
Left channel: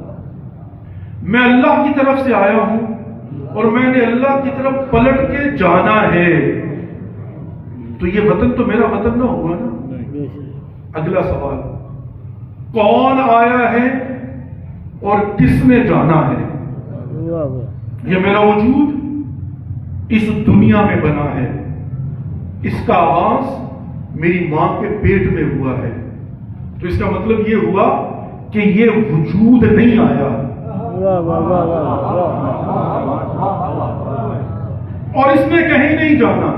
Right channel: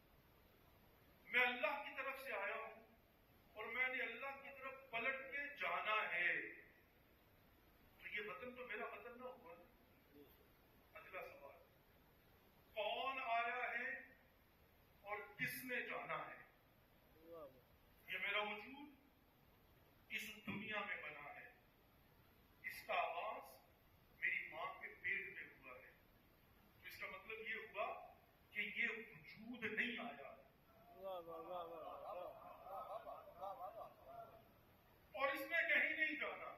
میں اللہ کی طرف سے آیا ہوں اور میں نے اللہ کی طرف پلٹ کے جانا ہے. تو یہ وطن تو میرا وطن نہ ہوا نا. اگلا سوال, کون آیا ہے اور کس نے جانا ہے؟ یہ میرا وجود اس دنیا میں بنا ہے. اس کا آغاز میری ماں کے پیٹ میں ہوا ہے. تو اس کا مطلب یہ ہوا کہ یہ وجود نہیں آیا اور اس نے کہیں نہیں جانا.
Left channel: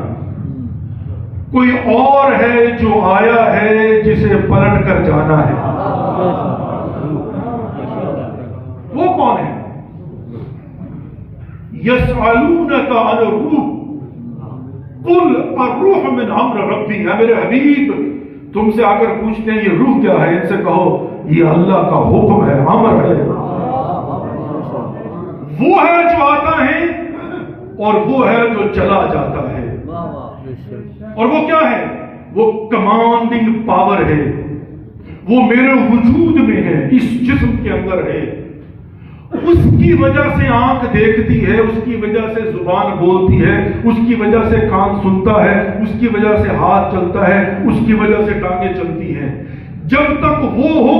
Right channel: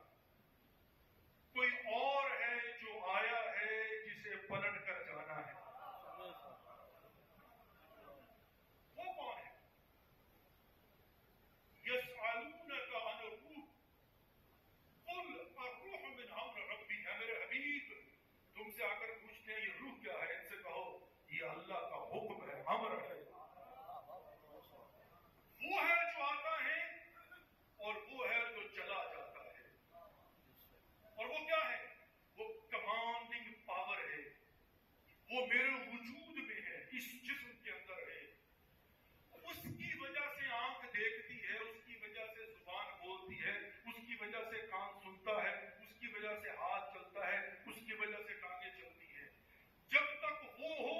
کوئی اور ہے جو آیا ہے جسے پلٹ کر جانا ہے. وہ کون ہے؟ یسألونک عن الروح قل الروح من امر ربی. ہے میرے حبیب, تم سے آ کر پوچھتے ہیں یہ روح کیا ہے, ان سے کہو یہ اللہ کا حکم ہے, امر ہے. وہ ہے جو آتا ہے اور وہ ہے جو چلا جاتا ہے. اور وہ کیا ہے؟ وہ کمانڈنگ پاور ہے. وہ میرے وجود میں ہے, اس جسم کے اندر ہے. اس کی وجہ سے آنکھ دیکھتی ہے, اس کی وجہ سے زبان بولتی ہے, اس کی وجہ سے کان سنتا ہے, اس کی وجہ سے ہاتھ چلتا ہے, اس کی وجہ سے ٹانگیں چلتی ہیں. جب تک وہ ہو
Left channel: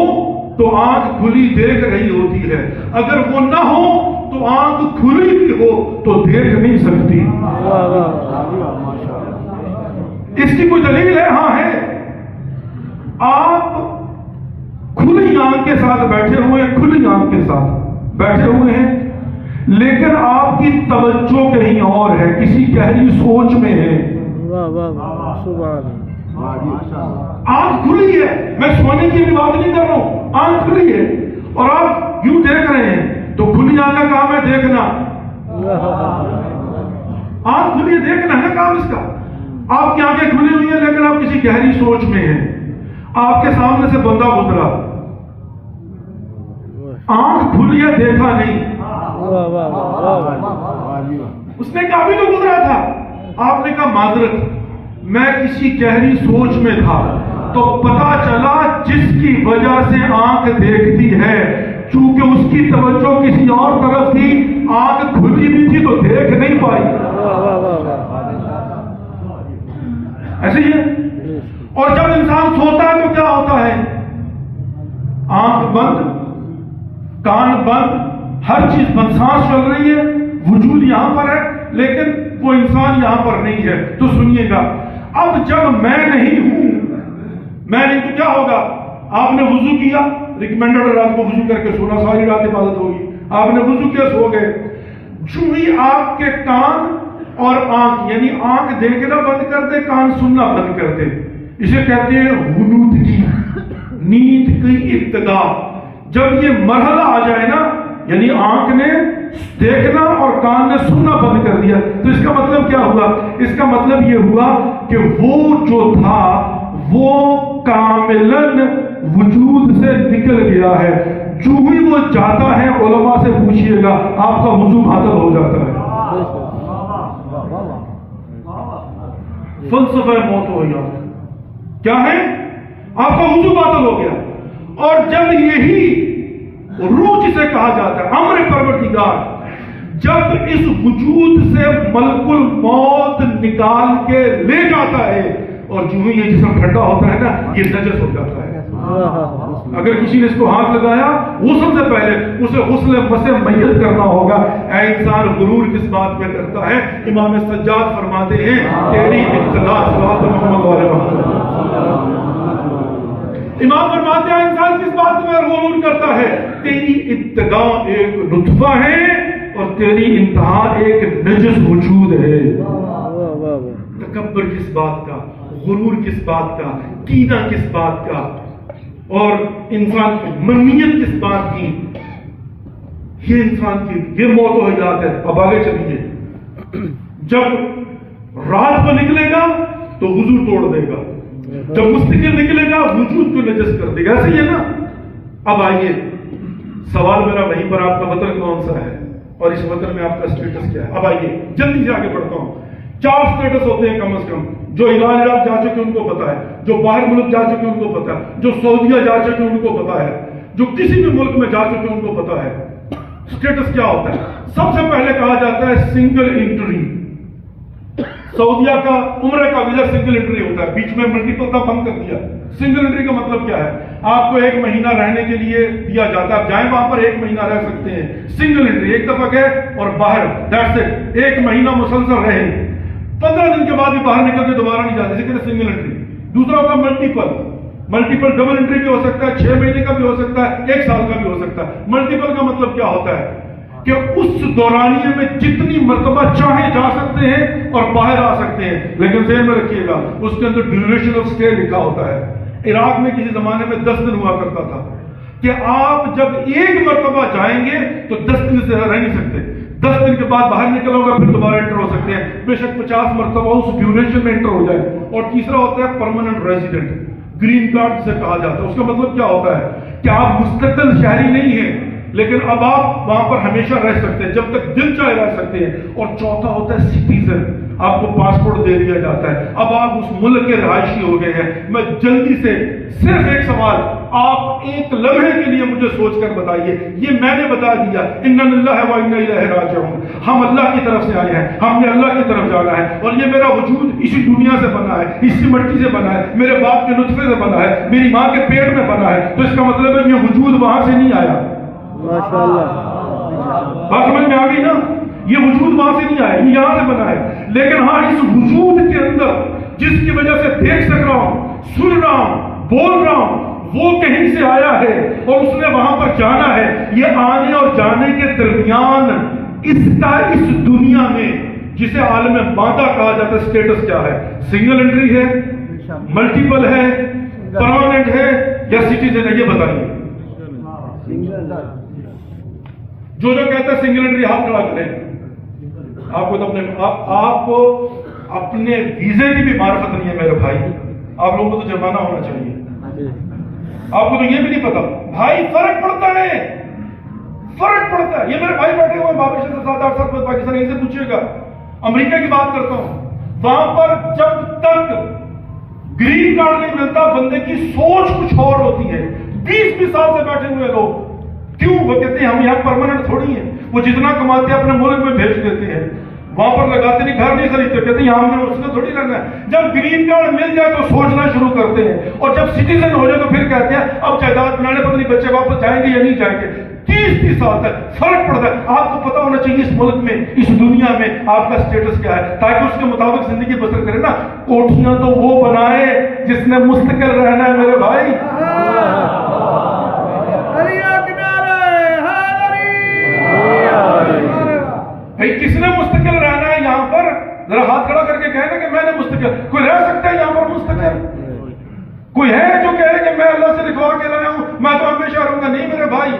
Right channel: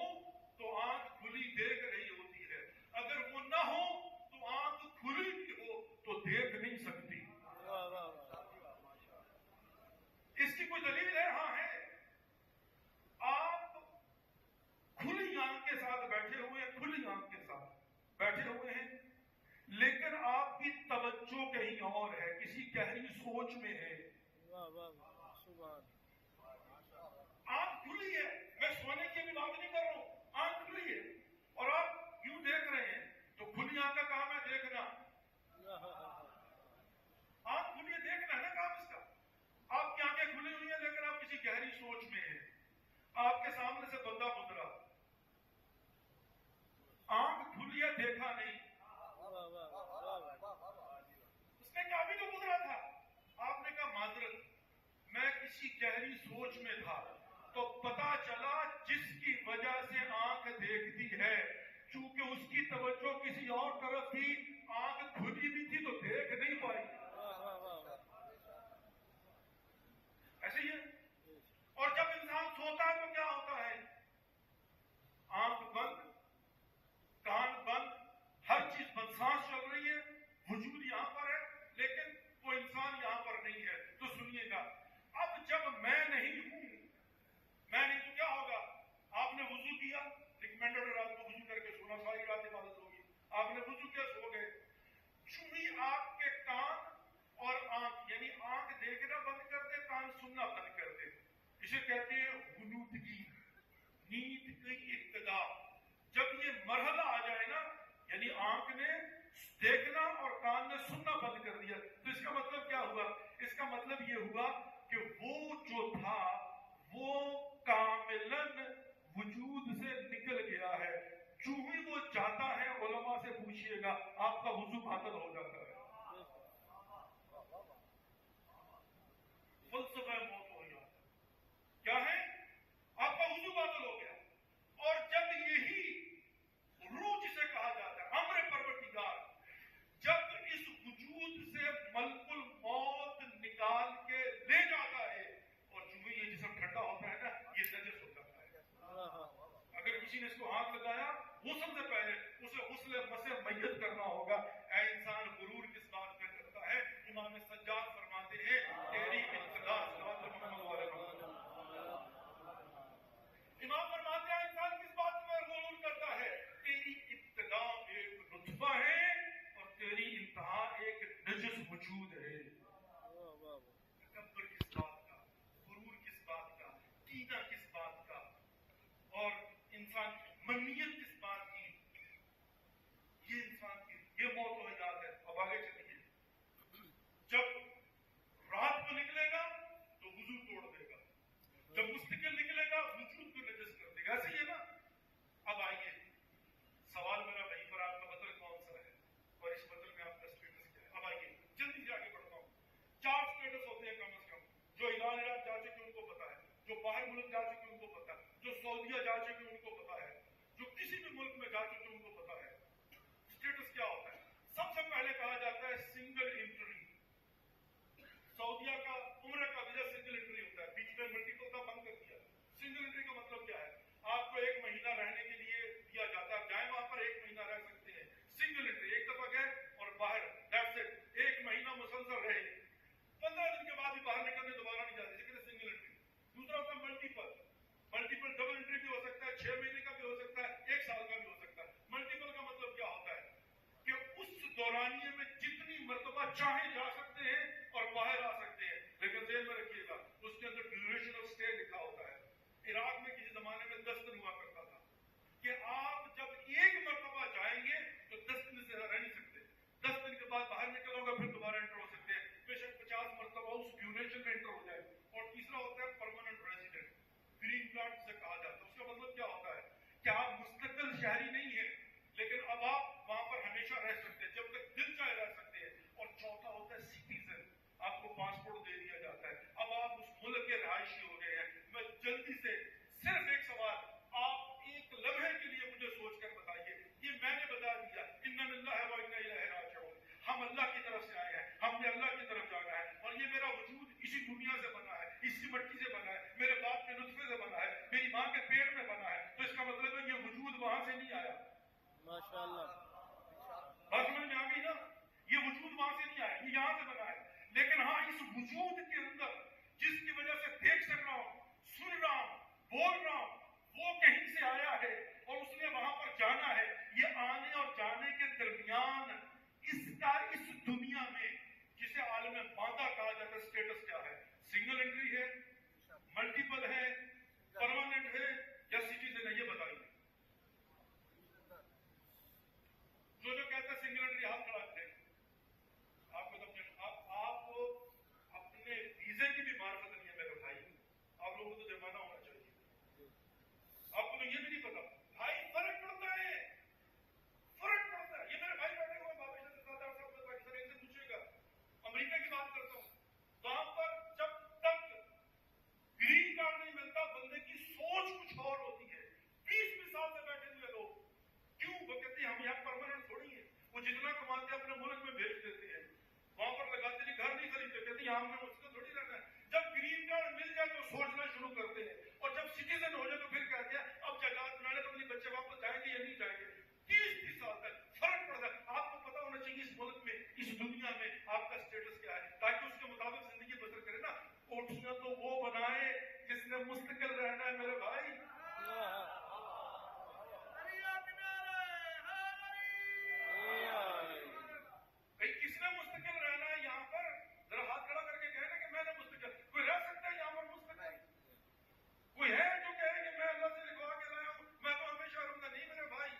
تو آنکھ کھلی دیکھ رہی ہوتی ہے. اگر وہ نہ ہو تو آنکھ کھلی بھی ہو تو دیکھ نہیں سکتی. اس کی کوئی دلیل ہے؟ ہاں ہے. آپ کھلی آنکھ کے ساتھ بیٹھے ہوئے ہیں, کھلی آنکھ کے ساتھ بیٹھے ہوئے ہیں, لیکن آپ کی توجہ کہیں اور ہے, کسی گہری سوچ میں ہے. آنکھ کھلی ہے, میں سونے کی بھی بات نہیں کر رہا ہوں, آنکھ کھلی ہے اور آپ یوں دیکھ رہے ہیں. تو کھلی آنکھ کا کام ہے دیکھنا. آنکھ کھلی ہے, دیکھنا ہے کام اس کا. آپ کی آنکھیں کھلی ہوئی ہیں لیکن آپ کسی گہری سوچ میں ہیں. آپ کے سامنے سے بندہ گزرا, آنکھ کھلی ہے, دیکھا نہیں. اس نے کہا بھی تو گزرا تھا. آپ نے کہا معذرت, میں کسی گہری سوچ میں تھا. تو پتا چلا جس کی وجہ سے آنکھ دیکھتی ہے, چونکہ اس کی توجہ کسی اور طرف تھی, آنکھ کھلی بھی تھی تو دیکھ نہیں پائی. ایسے ہی ہے. اور جب انسان سوتا ہے تو کیا ہوتا ہے؟ آنکھ بند, کان بند, ہر چیز بند, سانس چل رہی ہے, وجود یہاں پر ہے لیکن وہ انسان یہاں پر نہیں ہے. تو سنیے گا, اب جب میں نہیں ہوں, میں نہیں تو کیا ہوگا؟ آپ نے وضو کیا, ریکمینڈڈ رات کو وضو کر کے سونا, ساری رات عبادت ہوگی. آپ نے وضو کیا, سو گئے. جو ہی آپ کے کان اور آنکھ, یعنی آنکھ دیکھنا بند کر دے, کان سننا بند کر دے, اسے کہتے ہیں غنودگی, نیند کی ابتدا. جب یہ مرحلہ آ جائے نا, یعنی آنکھ نے دیکھنا اور کان نے سننا بند کر دیا, تو اس کا مطلب کیا ہوا؟ اس کا مطلب یہ ہوا کہ وہ جو تھا وہ کاملاً وجود سے نکل گیا ہے. جو ہی وہ جاتا ہے, علماء سے پوچھئے گا, آپ کا وضو معطل ہو جاتا ہے. فلسفہ موت ہو گیا. کیا ہے؟ آپ کا وضو معطل ہو گیا. اور جب یہی روح جسے کہا جاتا ہے امر پروردگار, جب اس وجود سے ملک الموت نکال کے لے جاتا ہے, اور جو ہی یہ جسم ٹھنڈا ہوتا ہے نا, یہ نجس ہو جاتا ہے. اگر کسی نے اس کو ہاتھ لگایا غسل سے پہلے, اسے غسل مسح میت کرنا ہوگا. اے انسان, غرور کس بات میں کرتا ہے؟ امام سجاد فرماتے ہیں تیری ابتدا صلوات محمد علیہ وسلم. امام فرماتے ہیں انسان کس بات میں غرور کرتا ہے؟ تیری ابتدا ایک نطفہ ہے اور تیری انتہا ایک نجس وجود ہے. تکبر کس بات کا, غرور کس بات کا, کینہ کس بات کا, اور انسان کی منیت کس بات کی؟ یہ انسان کی یہ موت و حیات ہے. اب آگے چلیے. جب رات کو نکلے گا تو وضو توڑ دے گا, جب مستقل نکلے گا وجود کو نجس کر دے گا. ایسے ہی ہے نا. اب آئیے, سوال میرا وہیں پر, آپ کا وطن کون سا ہے اور اس وطن میں آپ کا اسٹیٹس کیا ہے؟ اب آئیے جلدی سے آگے بڑھتا ہوں. 4 اسٹیٹس ہوتے ہیں کم از کم. جو ایران عراق جا چکے ان کو پتا ہے, جو باہر ملک جا چکے ان کو پتا ہے, جو سعودیہ جا چکے ان کو پتا ہے, جو کسی بھی ملک میں جا چکے ان کو پتا ہے اسٹیٹس کیا ہوتا ہے. سب سے پہلے کہا جاتا ہے سنگل انٹری. سعودیہ کا عمرہ کا ویزا سنگل انٹری ہوتا ہے, بیچ میں ملٹیپل کا بند کر دیا. سنگل انٹری کا مطلب کیا ہے؟ آپ کو 1 مہینہ رہنے کے لیے دیا جاتا ہے, آپ جائیں وہاں پر 1 مہینہ رہ سکتے ہیں. سنگل انٹری, ایک دفعہ گئے اور باہر, دیٹس اٹ. 1 مہینہ مسلسل رہے, 15 دن کے بعد بھی باہر نکل کے دوبارہ نہیں جاتے, اسے کہتے ہیں سنگل انٹری. دوسرا ہوگا ملٹیپل. ملٹیپل ڈبل انٹری بھی ہو سکتا ہے, 6 مہینے کا بھی ہو سکتا ہے, 1 سال کا بھی ہو سکتا ہے. ملٹیپل کا مطلب کیا ہوتا ہے کہ اس دورانیے میں جتنی مرتبہ چاہے جا سکتے ہیں اور باہر آ سکتے ہیں, لیکن ذہن میں رکھیے گا اس کے اندر ڈیوریشن آف اسٹے لکھا ہوتا ہے. عراق میں کسی زمانے میں 10 دن ہوا کرتا تھا کہ آپ جب 1 مرتبہ جائیں گے تو 10 دن سے رہ نہیں سکتے. 10 دن کے بعد باہر نکل ہوگا, پھر دوبارہ انٹر ہو سکتے ہیں. بے شک 50 مرتبہ اس ڈیوریشن میں انٹر ہو جائے. اور تیسرا ہوتا ہے پرماننٹ ریزیڈنٹ, گرین کارڈ جسے کہا جاتا ہے. اس کا مطلب کیا ہوتا ہے کہ آپ مستقل شہری نہیں ہیں, لیکن اب آپ وہاں پر ہمیشہ رہ سکتے ہیں, جب تک دل چاہے رہ سکتے ہیں. اور چوتھا ہوتا ہے سٹیزن, آپ کو پاسپورٹ دے دیا جاتا ہے, اب آپ اس ملک کے رہائشی ہو گئے ہیں. میں جلدی سے صرف ایک سوال, آپ 1 لمحے کے لیے مجھے سوچ کر بتائیے, یہ میں نے بتا دیا, انا للہ و انا الیہ راجعون, ہم اللہ کی طرف سے آئے ہیں, ہم نے اللہ کی طرف جانا ہے, اور یہ میرا وجود اسی دنیا سے بنا ہے, اسی مٹی سے بنا ہے, میرے باپ کے نطفے سے بنا ہے, میری ماں کے پیٹ میں بنا ہے. تو اس کا مطلب ہے یہ وجود وہاں سے نہیں آیا. بات سمجھ میں آ گئی نا؟ یہ وجود وہاں سے نہیں آیا, یہ یہاں سے بنا ہے. لیکن ہاں اس وجود کے اندر جس کی وجہ سے دیکھ سک رہا ہوں, سن رہا ہوں, بول رہا ہوں, وہ کہیں سے آیا ہے اور اس نے وہاں پر جانا ہے. یہ آنے اور جانے کے درمیان اس کا اس دنیا میں جسے عالم مادہ کہا جاتا ہے اسٹیٹس کیا ہے؟ سنگل انٹری ہے, ملٹیپل ہے, پرماننٹ ہے یا سٹیزن ہے؟ یہ بتائیے. جو کہتا ہے سنگل انٹری ہاتھ کھڑا کریں. آپ کو اپنے ویزے کی بھی معرفت نہیں ہے میرے بھائی. آپ لوگوں کو تو جرمانہ ہونا چاہیے. آپ کو تو یہ بھی نہیں پتا بھائی, فرق پڑتا ہے, فرق پڑتا ہے. یہ میرے بھائی بیٹھے ہوئے بابر سے 7-8 سال میں پاکستان سے پوچھیے گا, امریکہ کی بات کرتا ہوں, وہاں پر جب تک گرین کارڈ نہیں ملتا بندے کی سوچ کچھ اور ہوتی ہے. 20 سال سے بیٹھے ہوئے لوگ, کیوں؟ وہ کہتے ہیں ہم یہاں پرماننٹ تھوڑی ہیں. وہ جتنا کماتے ہیں اپنے ملک میں بھیج دیتے ہیں, وہاں پر لگاتے نہیں, گھر نہیں خریدتے, کہتے ہیں یہاں ہم نے اس میں تھوڑی رہنا ہے. جب گرین کارڈ مل جائے تو سوچنا شروع کرتے ہیں, اور جب سٹیزن ہو جائے تو پھر کہتے ہیں اب جائیداد بنانے, پتہ نہیں بچے واپس جائیں گے یا نہیں جائیں گے. 30 سال تک فرق پڑتا ہے. آپ کو پتا ہونا چاہیے اس ملک میں, اس دنیا میں آپ کا اسٹیٹس کیا ہے, تاکہ اس کے مطابق زندگی بسر کرے نا. کوٹھیاں تو وہ بنائے جس نے مستقل رہنا ہے میرے بھائی. بھائی کس نے مستقل رہنا ہے یہاں پر؟ ذرا ہاتھ کھڑا کر کے کہنا کہ میں نے مستقل. کوئی رہ سکتا ہے یہاں پر مستقل؟ کوئی ہے جو کہے کہ میں اللہ سے لکھوا کے لایا ہوں, میں تو ہمیشہ رہوں گا؟ نہیں میرے بھائی,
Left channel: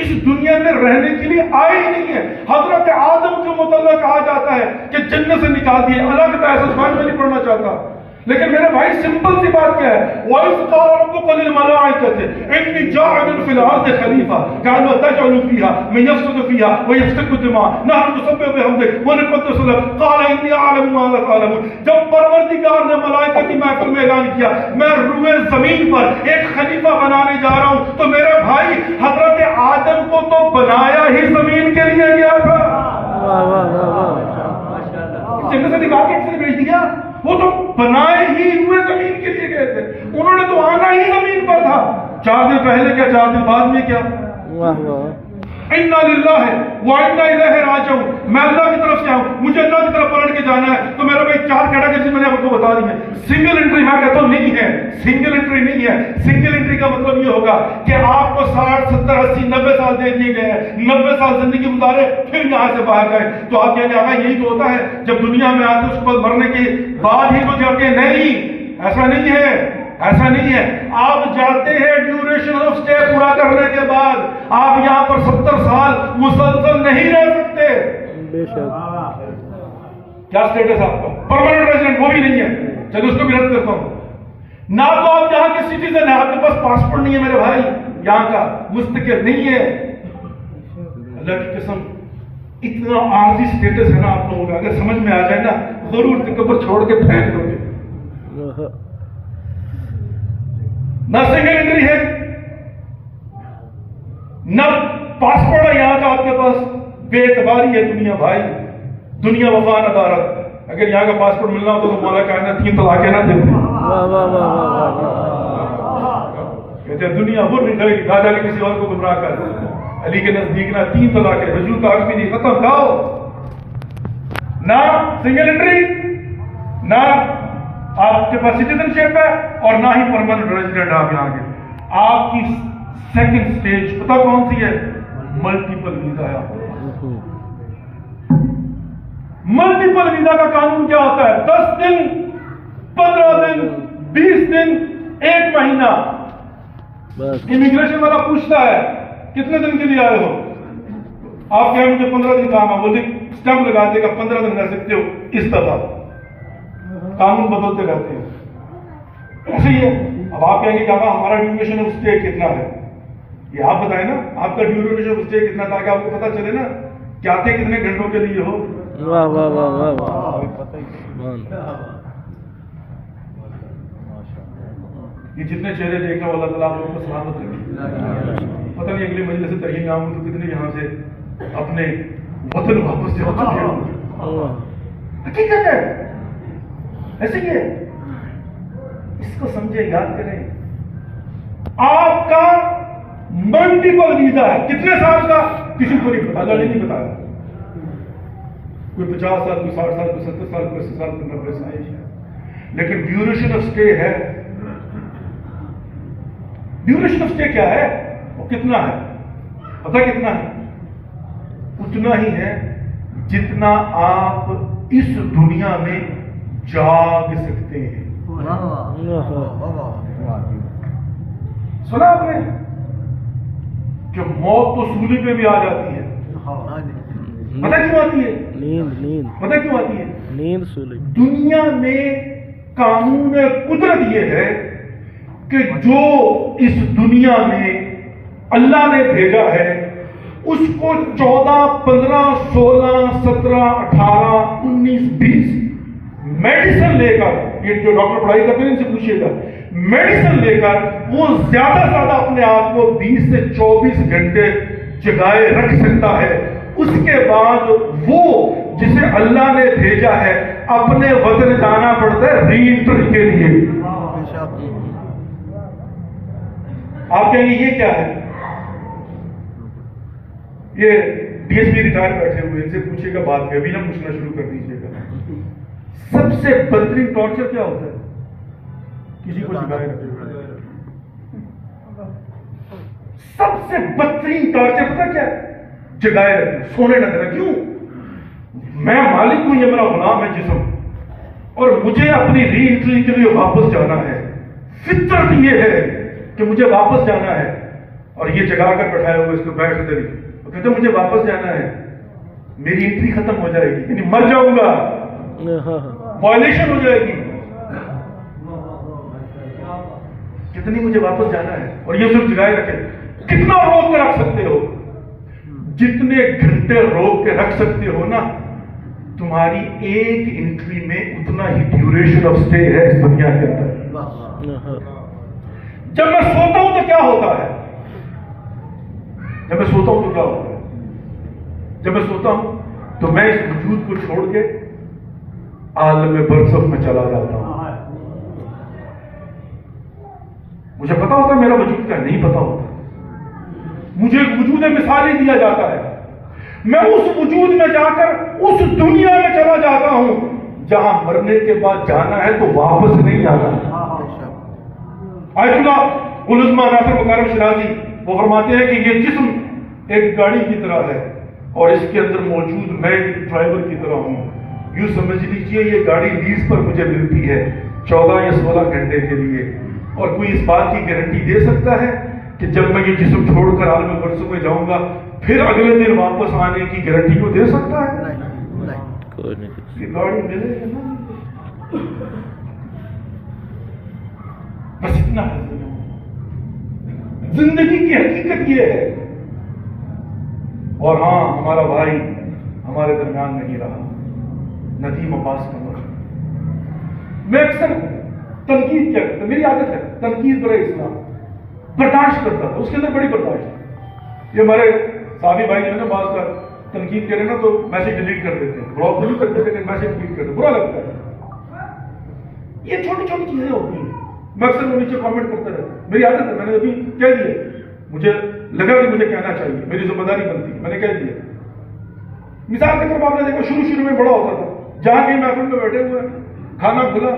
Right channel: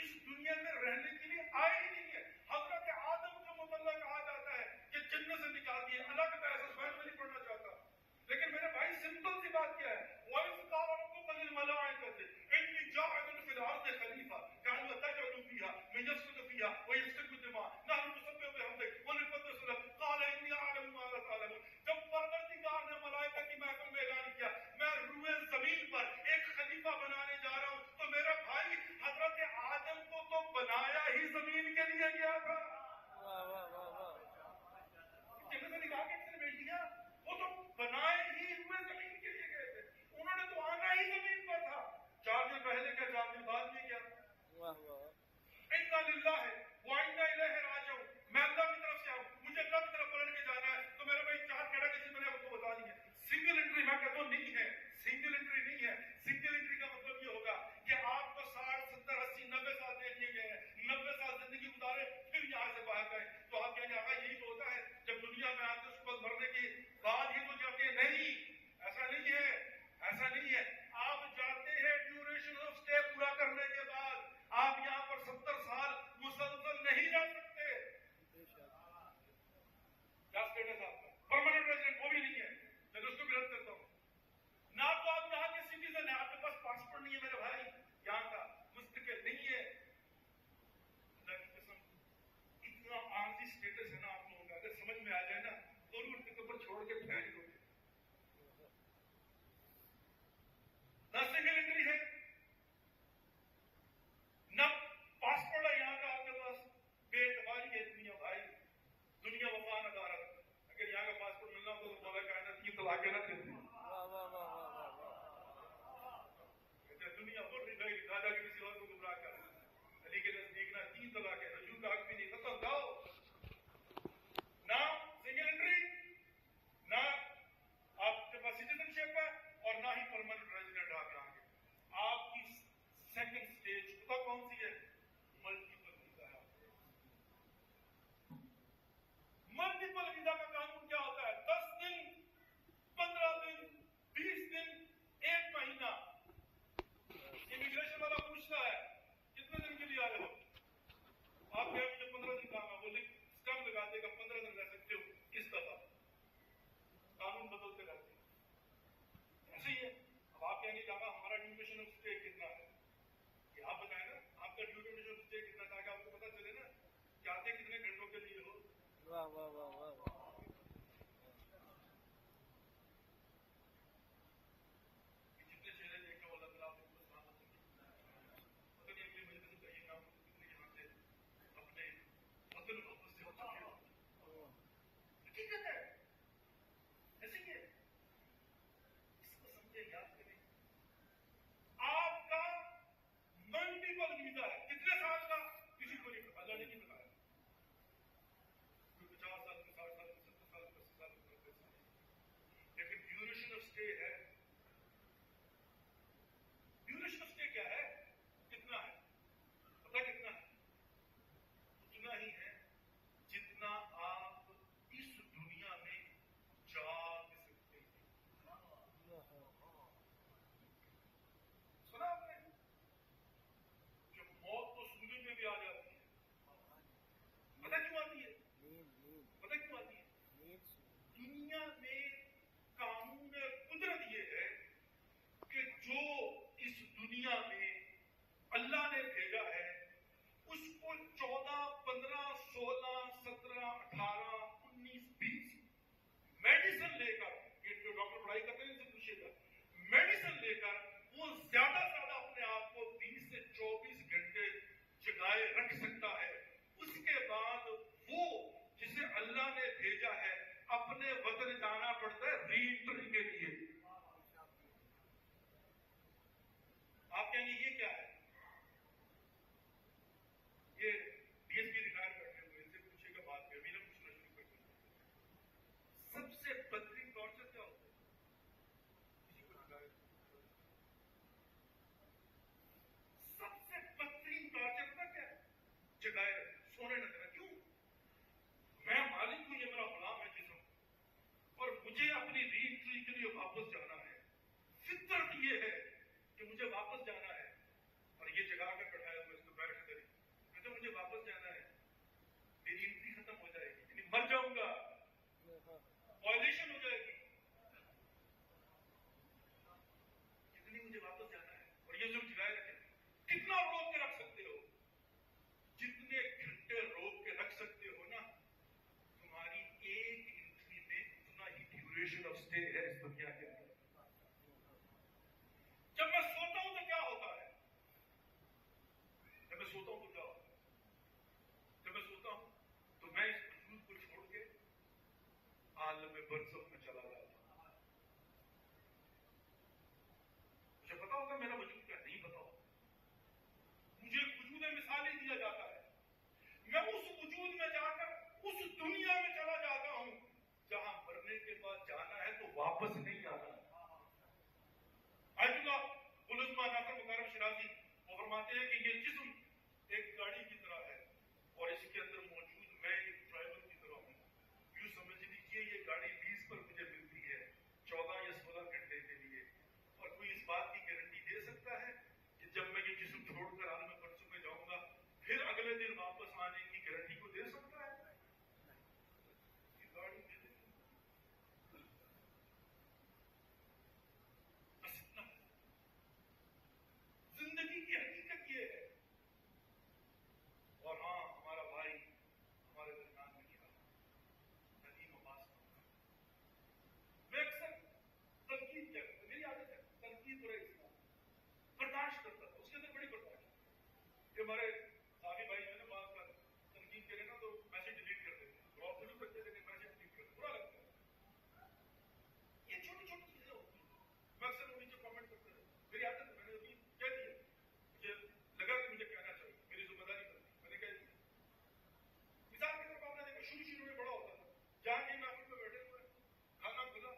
اس دنیا میں رہنے کے لیے آئے ہی نہیں ہے. حضرت آدم کے متعلق کہا جاتا ہے کہ جنت سے نکال دیے, اللہ کا ایسا سمجھ میں نہیں پڑنا چاہتا. لیکن میرے بھائی سمپل سی بات کیا ہے؟ وَإِذْ قَالَ رَبُّكَ لِلْمَلَائِكَةِ إِنِّي جَاعِلٌ فِي الْأَرْضِ خَلِيفَةً قَالُوا أَتَجْعَلُ فِيهَا مَن يَفْسِدُ فِيهَا وَيَسْفِكُ الدِّمَاءَ نَحْنُ نُسَبِّحُ بِحَمْدِكَ وَنُقَدِّسُ لَكَ قَالَ إِنِّي أَعْلَمُ مَا لَا تَعْلَمُونَ. جب پروردگار نے ملائکہ کی محفل میں اعلان کیا میں روئے زمین پر ایک خلیفہ بنانے جا رہا ہوں, تو میرے بھائی حضرت آدم کو تو بنایا ہی زمین کے لیے گیا تھا. جنت سے نکال کے کس نے بھیج دیا؟ وہ تو بنائے ہی ہوئے زمین کے لیے گئے تھے, انہوں نے تو آنا ہی زمین پر تھا. 4 دن پہلے کیا, 4 دن بعد میں کیا. انا للہ وانا الیہ راجعون. میں اللہ کی طرف سے آؤں, مجھے اللہ کی طرف پلٹ کے جانا ہے. تو میرا بھائی 4 کیٹیگری میں نے آپ کو بتا دی ہے. سنگل انٹری میں کہتا ہوں نہیں ہے, سنگل انٹری نہیں ہے. سنگل انٹری کا مطلب یہ ہوگا کہ آپ کو 60 70 80 90 سال دے دیے گئے ہیں, 90 سال زندگی گزارے پھر یہاں سے باہر جائیں. تو آپ کہیں گے آقا یہی تو ہوتا ہے جب دنیا میں آتے اس کے بعد مرنے کے بعد ہی تو جاتے ہیں. نہیں, ایسا نہیں ہے, ایسا نہیں ہے. آپ جاتے ہیں ڈیوریشن آف اسٹے پورا کرنے کے بعد. آپ یہاں پر 70 سال مسلسل نہیں رہ سکتے. بے شک. کیا اسٹیٹس آپ کا؟ پرماننٹ ریزیڈنٹ وہ بھی نہیں ہے. چلو اس کو بھی رد کرتا ہوں. نہ تو آپ یہاں کے سٹیزن ہیں, آپ کے پاس پاسپورٹ نہیں ہے میرے بھائی, یہاں کا مستقل نہیں ہے. اللہ کی قسم اتنا عارضی اسٹیٹس ہے نا آپ لوگوں کا, اگر سمجھ میں آ جائے نا غرور تکبر چھوڑ کے پھینک دو گے. نہ سنگل انٹری ہے، نہ پاسپورٹ ہے یہاں کا آپ کے پاس، بے اعتباری ہے دنیا بھائی، دنیا وفا ندارت. اگر یہاں کا پاسپورٹ ملنا ہوتا تو مولا کائنات 3 طلاقیں نہ دیتے. کہتے ہیں دنیا غر غیر کہا جا کے کسی اور کو گمراہ کر، علی کے نزدیک نہ 3 طلاقیں، رجوع کا حق بھی نہیں، ختم کھاؤ. نہ سنگل انٹری، نہ آپ کے پاس سٹیزن شپ ہے، اور نہ ہی پرماننٹ ریزیڈنٹ آپ یہاں کے. آپ کی سیکنڈ سٹیج پتہ کون سی ہے؟ ملٹیپل ویزا ہے آپ کے پاس. ملٹیپل ویزا کا قانون کیا ہوتا ہے؟ 10 دن، 15 دن، 20 دن، 1 مہینہ. امیگریشن والا پوچھتا ہے کتنے دن کے لیے آئے ہو؟ آپ کہیں مجھے 15 دن کام ہے، وہ اسٹمپ لگا دے گا 15 دن رہ سکتے ہو. اس دفعہ قانون بدلتے رہتے ہیں. ایسے ہی ہے. اب آپ کہیں گے کہ ہمارا ڈیوریشن آف اسٹے کتنا ہے؟ یہ آپ بتائیں نا، آپ کا ڈیوریشن آف اسٹے کتنا، تاکہ آپ کو پتا چلے نا کہ آتے کتنے گھنٹوں کے لیے ہو. واہ واہ واہ واہ. یہ جتنے چہرے دیکھ رہے ہو اللہ تعالیٰ آپ لوگوں کو سلامت رکھے. پتہ نہیں اگلی مجلس سے ترہیم میں آؤں تو کتنے یہاں سے اپنے وطن واپس جا چکے ہوں. حقیقت ہے، ایسے ہی ہے. اس کو سمجھے، یاد کریں. آپ کا ملٹیپل ویزا ہے. کتنے سال کا کسی کو نہیں پتا، اللہ نے نہیں بتایا. کوئی 50 سال، کوئی 60 سال، کوئی 70 سال، کوئی 80 سال، کوئی 90 سال. لیکن ڈیوریشن آف اسٹے ہے. ڈیوریشن آف اسٹے کیا ہے؟ وہ کتنا ہے؟ پتہ کتنا ہے؟ اتنا ہی ہے جتنا آپ اس دنیا میں جاگ سکتے ہیں. سنا آپ نے کہ موت تو سولی پہ بھی آ جاتی ہے. پتہ کیوں آتی ہے؟ نیند. پتہ کیوں آتی ہے؟ نیند سولی. دنیا میں قانون قدرت یہ ہے کہ جو اس دنیا میں اللہ نے بھیجا ہے اس کو 14، 15، 16، 17، 18، 19، 20 میڈیسن لے کر، یہ جو ڈاکٹر پڑھائی کرتے ہیں ان سے پوچھئے گا، میڈیسن لے کر وہ زیادہ سے زیادہ اپنے آپ کو 20 سے 24 گھنٹے جگائے رکھ سکتا ہے. اس کے بعد وہ جسے اللہ نے بھیجا ہے اپنے وطن جانا پڑتا ہے ری انٹری کے لیے. آپ کہیں گے یہ کیا ہے؟ یہ ڈی ایس پی ریٹائر بیٹھے ہوئے، ان سے پوچھے گا بعد میں، ابھی نہ پوچھنا شروع کر دیجیے گا. سب سے بدترین ٹارچر کیا ہوتا ہے؟ کسی کو جگائے رکھے. سب سے بدترین ٹارچر پتہ کیا ہے؟ جگائے رکھے، سونے نہ دینا. کیوں؟ میں مالک ہوں، یہ میرا غلام ہے جسم، اور مجھے اپنی ری انٹری کے لیے واپس جانا ہے. فطرت یہ ہے کہ مجھے واپس جانا ہے. اور یہ جگا کر بیٹھائے ہوئے اس کو بیٹھ کر کہتے مجھے واپس جانا ہے، میری انٹری ختم ہو جائے گی، یعنی مر جاؤں گا، وائلیشن ہو جائے گی. کتنی مجھے واپس جانا ہے، اور یہ صرف جگائے رکھے. کتنا روک کے رکھ سکتے ہو؟ جتنے گھنٹے روک کے رکھ سکتے ہو نا، تمہاری ایک انٹری میں اتنا ہی ڈیوریشن آف اسٹے ہے اس دنیا کے اندر. جب میں سوتا ہوں تو کیا ہوتا ہے؟ جب میں سوتا ہوں تو کیا ہوتا ہے؟ جب میں سوتا ہوں تو میں اس وجود کو چھوڑ کے عالم برزخ میں چلا جاتا ہوں. مجھے پتا ہوتا ہے میرا وجود کیا نہیں پتا ہوتا. مجھے ایک وجود مثالی دیا جاتا ہے. میں اس وجود میں جا کر اس دنیا میں چلا جاتا ہوں جہاں مرنے کے بعد جانا ہے تو واپس نہیں آنا. آیت اللہ العظمہ ناصر مکارم شرازی وہ فرماتے ہیں کہ یہ جسم ایک گاڑی کی طرح ہے اور اس کے اندر موجود میں ایک ڈرائیور کی طرح ہوں. یوں سمجھ لیجئے یہ گاڑی لیز پر مجھے ملتی ہے 14 یا 16 گھنٹے کے لیے. اور کوئی اس بات کی گارنٹی دے سکتا ہے کہ جب میں یہ جسم چھوڑ کر عالم برزخ میں جاؤں گا پھر اگلے دن واپس آنے کی گارنٹی کو دے سکتا ہے؟ یہ گاڑی ملے گا نا. بس اتنا ہے زندگی کی حقیقت یہ ہے. اور ہاں ہمارا بھائی ہمارے درمیان نہیں رہا. ندیم عباس قمر. میں اکثر تنقید کیا کرتا، میری عادت ہے تنقید برائے اسلام، برداشت کرتا تھا، اس کے اندر بڑی برداشت. یہ ہمارے صحابی بھائی جو ہے نا بعض کا تنقید کرے نا تو میسج ڈیلیٹ کر دیتے ہیں، بلاک نہیں کرتے لیکن میسج ڈیلیٹ کرتے، برا لگتا ہے. یہ چھوٹی چھوٹی چیزیں ہوتی ہیں. میں اکثر وہ نیچے کامنٹ کرتا رہتا، میری عادت ہے، میں نے ابھی کہہ دیا، مجھے لگا کہ مجھے کہنا چاہیے، میری ذمہ داری بنتی ہے، میں نے کہہ دیا. مثال کے طور پر آپ نے دیکھو شروع میں بڑا ہوتا تھا، جہاں کہیں محفل میں بیٹھے ہوئے ہیں، کھانا کھلا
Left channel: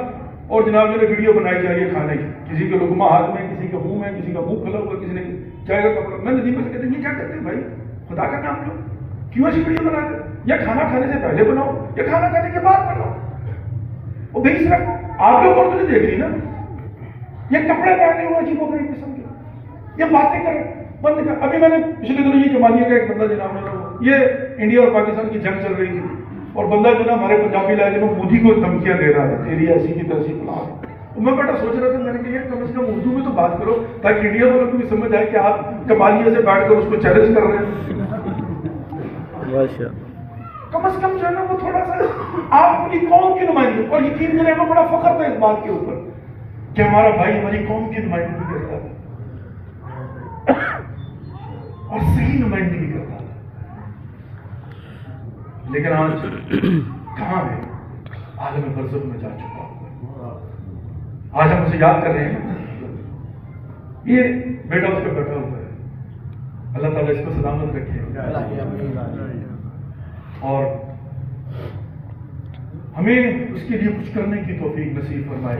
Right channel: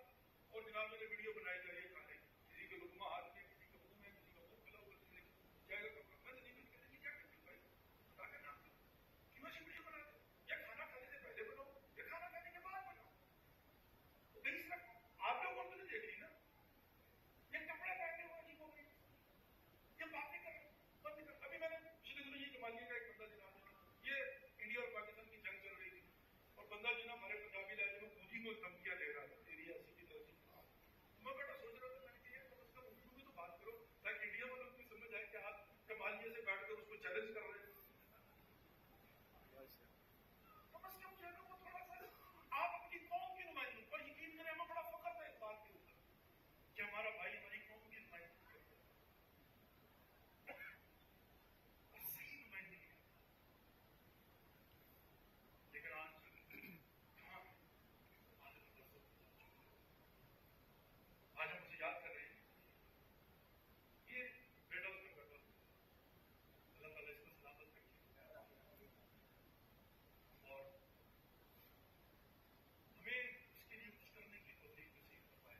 اور جناب جو ہے ویڈیو بنائی جا رہی ہے کھانے کی، کسی کے لقمہ ہاتھ میں، کسی کے منہ میں، کسی کا منہ کھلا ہوا، کسی نے چائے کا کپڑا. میں ندیم سے کہتے ہیں یہ کیا کرتے ہیں بھائی، خدا کا نام لو، کیوں ایسی ویڈیو بناتے ہیں؟ یا کھانا کھانے سے پہلے بناؤ یا کھانا کھانے کے بعد بناؤ. وہ بھائی صرف آپ لوگ اور تو نہیں دیکھ رہی نا، یہ کپڑے پہنے ہوئے عجیب و غریب قسم کے، یہ باتیں کر بند کر. ابھی میں نے پچھلے دنوں یہ جمالیہ کا ایک بندہ جناب نے، یہ انڈیا اور پاکستان کی جنگ چل رہی تھی اور بندہ جو نا ہمارے پنجابی لہجے میں مودی کو دھمکیاں دے رہا تھا، تیری ایسی کی تیسی فلاں. میں بیٹا سوچ رہا تھا، میں نے کہا یہ کم از کم اردو میں تو بات کرو تاکہ انڈیا والوں کو بھی سمجھ آئے کہ آپ کمالیہ سے بیٹھ کر اس کو چیلنج کر رہے ہیں. کم از کم جو ہے نا وہ تھوڑا سا آپ اپنی قوم کی نمائندگی، اور یقین کریں ہمیں بڑا فخر تھا اس بات کے اوپر کہ ہمارا بھائی ہماری قوم کی نمائندگی کرتا ہے اور صحیح نمائندگی کرتا ہے. لیکن آج کہاں ہے؟ عالم برزخ میں جا چکا. آج ہم اسے یاد کر رہے ہیں. یہ بیٹا اس پہ بیٹھا ہوا ہے، اللہ تعالیٰ اس کو سلامت رکھے اور ہمیں اس کے لیے کچھ کرنے کی توفیق نصیب فرمائے.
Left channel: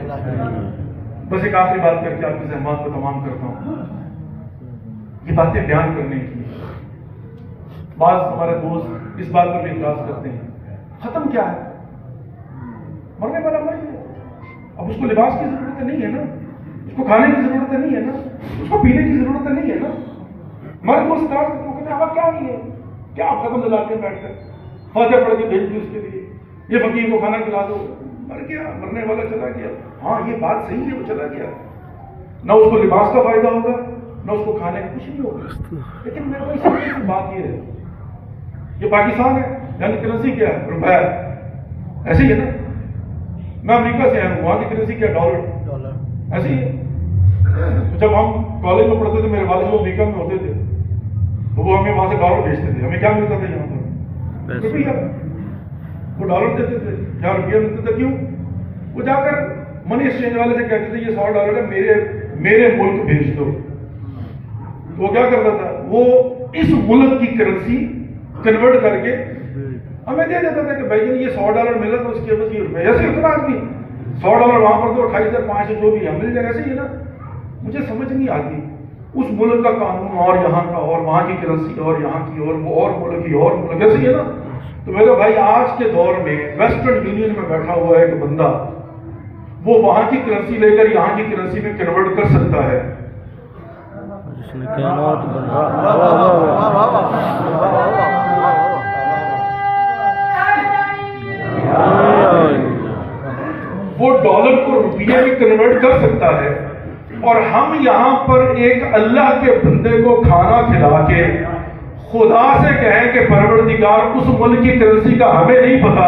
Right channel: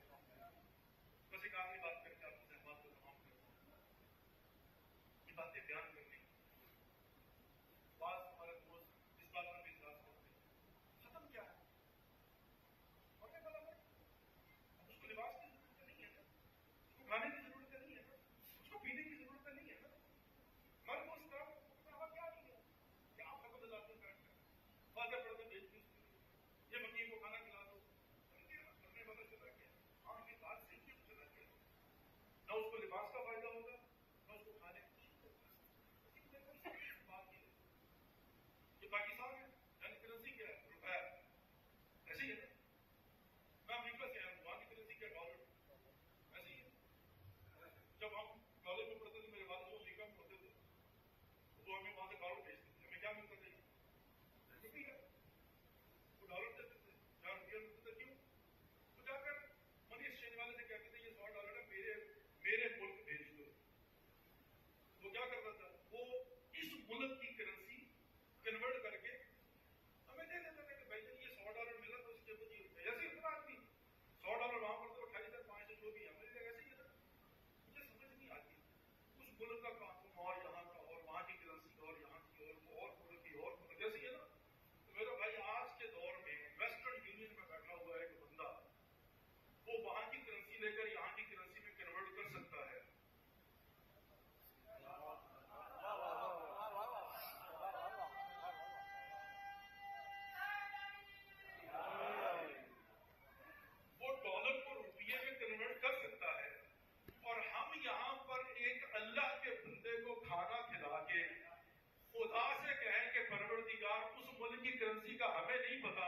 بس ایک آخری بات کر کے آپ کی زحمات کو تمام کرتا ہوں. یہ باتیں بیان کرنے کی، بعض ہمارے دوست اس بات پر بھی اعتراض کرتے ہیں ختم کیا ہے، مرنے والا مر گیا، اب اس کو لباس کی ضرورت نہیں ہے نا، اس کو کھانے کی ضرورت نہیں ہے نا، اس کو پینے کی ضرورت نہیں ہے نا. ہمارے دوست اعتراض کرتے ہیں ہوا کیا نہیں ہے، کیا آپ ختم دلاتے ہیں بیٹھ کر، فاتحہ پڑھ کے بھیج دی اس کے لیے، یہ فقیر کو کھانا کھلا دو، مر گیا، مرنے والا چلا گیا. ہاں یہ بات صحیح ہے، وہ چلا گیا، نہ اس کو لباس کا فائدہ ہوگا نہ اس کو کھانے کا کچھ نہیں ہوگا. لیکن میرے کو اس بات یہ ہے، یہ پاکستان ہے، یہاں کی کرنسی کیا ہے؟ روپیہ. ایسے ہی ہے نا. میں امریکہ سے آیا ہوں، وہاں کی کرنسی کیا؟ ڈالر. ایسے ہی ہے. جب ہم کالج میں پڑھتے تھے میرے والد جو امریکہ میں ہوتے تھے تو وہ ہمیں وہاں سے ڈالر بھیجتے تھے. ہمیں کیا ملتا تھا یہاں پر؟ روپیہ. وہ ڈالر دیتے تھے، یہاں روپیہ ملتا تھا. کیوں؟ وہ جا کر منی ایکسچینج والے سے کہتے تھے یہ $100 ہے، میرے ملک بھیج دو. تو وہ کیا کرتا تھا؟ وہ اس ملک کی کرنسی کنورٹ کر کے ہمیں دے دیتا تھا کہ بھائی جان یہ $100 ملا تو اس کے بس یہ روپئے. ایسے اتنا آدمی $100 وہاں پر تو 28,500 جو بھی ہے مل جائے. ایسے ہی ہے نا. مجھے سمجھ نہیں آتی اس ملک کا قانون اور یہاں کا اور وہاں کی کرنسی اور یہاں کی اور وہ اور ملک کی اور ملک. ایسے ہی ہے نا. تو میرے بھائی آج کے دور میں ویسٹرن یونین میں بیٹھا ہوا ہے ایک بندہ، وہ وہاں کی کرنسی لے کر یہاں کی کرنسی میں کنورٹ کر سکتا ہے. وہ ڈالر کو روپیے میں کنورٹ کر سکتا ہے اور ہم یہاں پر ایک اللہ کے بندے کو کھانا کھلا کے خدا سے کہیں کہ پروردگار اس ملک کی کرنسی کا ہمیں نہیں پتا،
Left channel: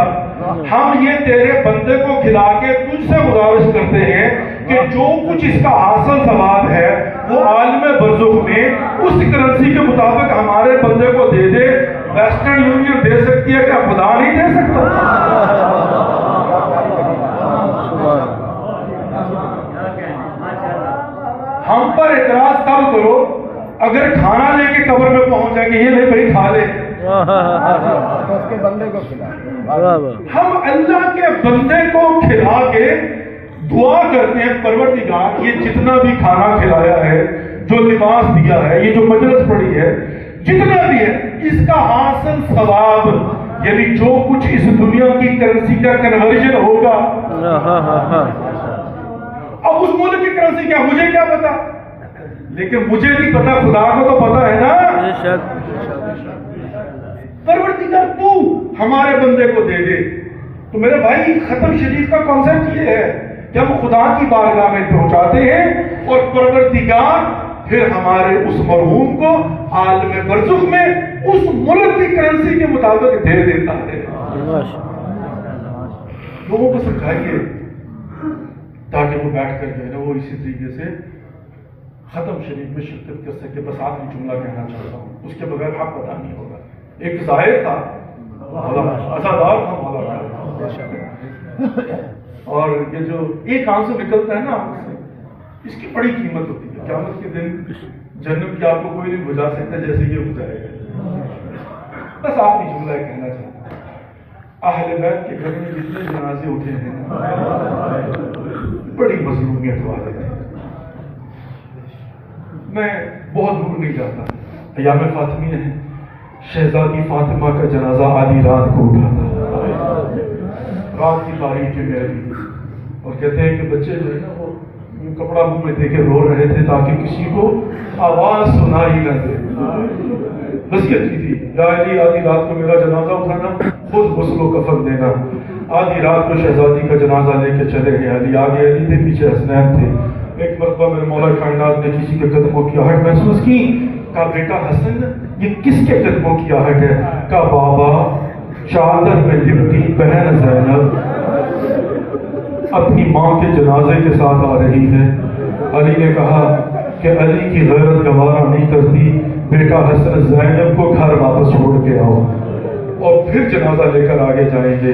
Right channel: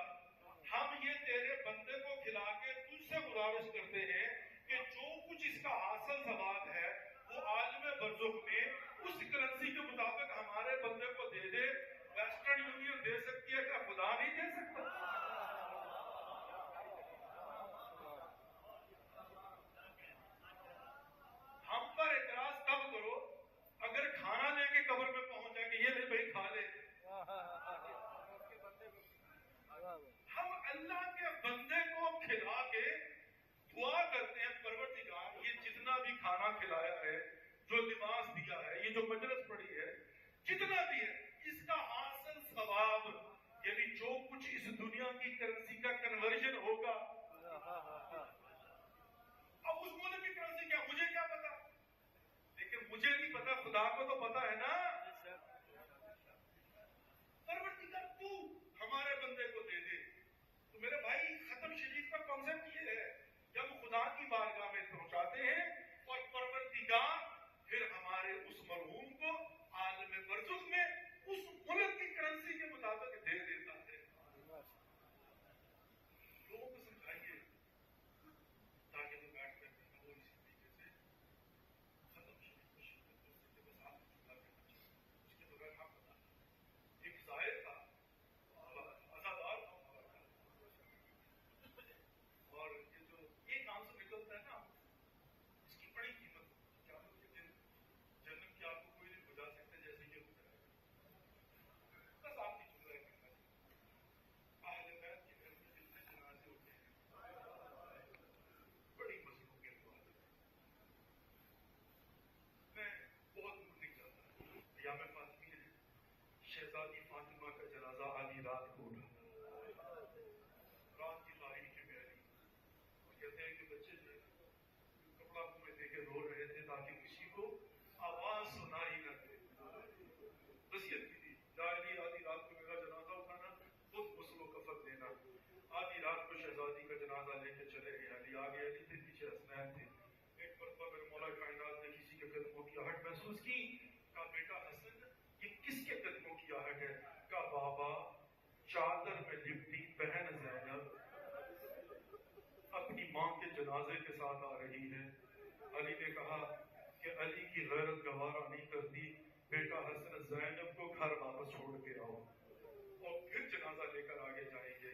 ہم یہ تیرے بندے کو کھلا کے تجھ سے گزارش کرتے ہیں کہ جو کچھ اس کا حاصل ثواب ہے وہ عالم برزخ میں اس کرنسی کے مطابق ہمارے بندے کو دے دے. ویسٹرن یونین دے سکتی ہے، کیا خدا نہیں دے سکتا؟ ہم پر اعتراض تب کرو اگر کھانا لے کے قبر میں پہنچ جائیں گے، یہ لے بھائی کھا لے. ہم اللہ کے بندے کو کھلا کے دعا کرتے ہیں پروردگار یہ جتنا بھی کھانا کھلایا ہے، جو لباس دیا ہے، یہ جو مجلس پڑی ہے، جتنا بھی ہے، اس کا حاصل ثواب یعنی جو کچھ اس دنیا کی کرنسی کا کنورژن ہوگا. اب اس ملک کی کرنسی کیا مجھے کیا پتا، لیکن مجھے نہیں پتا، خدا کو تو پتا ہے نا. پروردگار تو ہمارے بندے کو دے دے. تو میرے بھائی ختم شریف کا کانسیپٹ یہ ہے کہ ہم خدا کی بارگاہ میں پہنچاتے ہیں اور پروردگار پھر ہمارے اس مرحوم کو عالم برزخ میں اس ملک کی کرنسی کے مطابق دے دیتا ہے. لوگوں کو سمجھائیے تاکہ وہ بیٹھ کر جو ہے نا وہ اسی طریقے سے ختم شریف میں شرکت کر سکے. بس آخری جملہ کہنا چاہتا ہوں, اس کے بغیر حق ادا نہیں ہوگا. ایک زائر تھا, ازادار تھا مولا کا, اور یہ جو ایک آنکھ سے نکلتا ہے نا آنکھ سے, اس کی بڑی قیمت ہوتی ہے. قیامت کے دن جنم کی آپ کو کوئی نہیں بجھا سکتا جیسے یہ بجھائے گا. بس آخری جملہ کہنا چاہتا ہوں, اہل بیت کے گھر میں جتنے جنازے اٹھے ہیں بڑی مظلومیت والے ہیں. میں بہت دور نہیں جاتا, ایام فاطمیہ ہے, شہزادی فاطمہ کا جنازہ آدھی رات کو اٹھا تھا, رات کی تاریخ میں ابھی, اور کہتے ہیں کہ بچے جو ہے نا وہ کپڑا منہ میں دے کے رو رہے تھے تاکہ کسی کو آواز سنائی نہ دے. وصیت کی تھی, یا علی آدھی رات کو میرا جنازہ اٹھانا, خود غسل و کفن دینا. آدھی رات کو شہزادی کا جنازہ لے کے چلے گئے. علی آگے علی تھے, پیچھے حسنین تھے. ایک مرتبہ میرے مولا کائنات نے کسی کے قدموں کی آہٹ محسوس کی. کہا بیٹا حسن یہ کس کے قدموں کی آہٹ ہے؟ کہا بابا چادر میں لپٹی بہن زینب اپنی ماں کے جنازے کے ساتھ آ رہی ہے. علی نے کہا کہ علی کی غیرت گوارا نہیں کرتی, بیٹا حسن زینب کو گھر واپس چھوڑ کے آؤ اور پھر جنازہ لے کر آگے جائیں گے.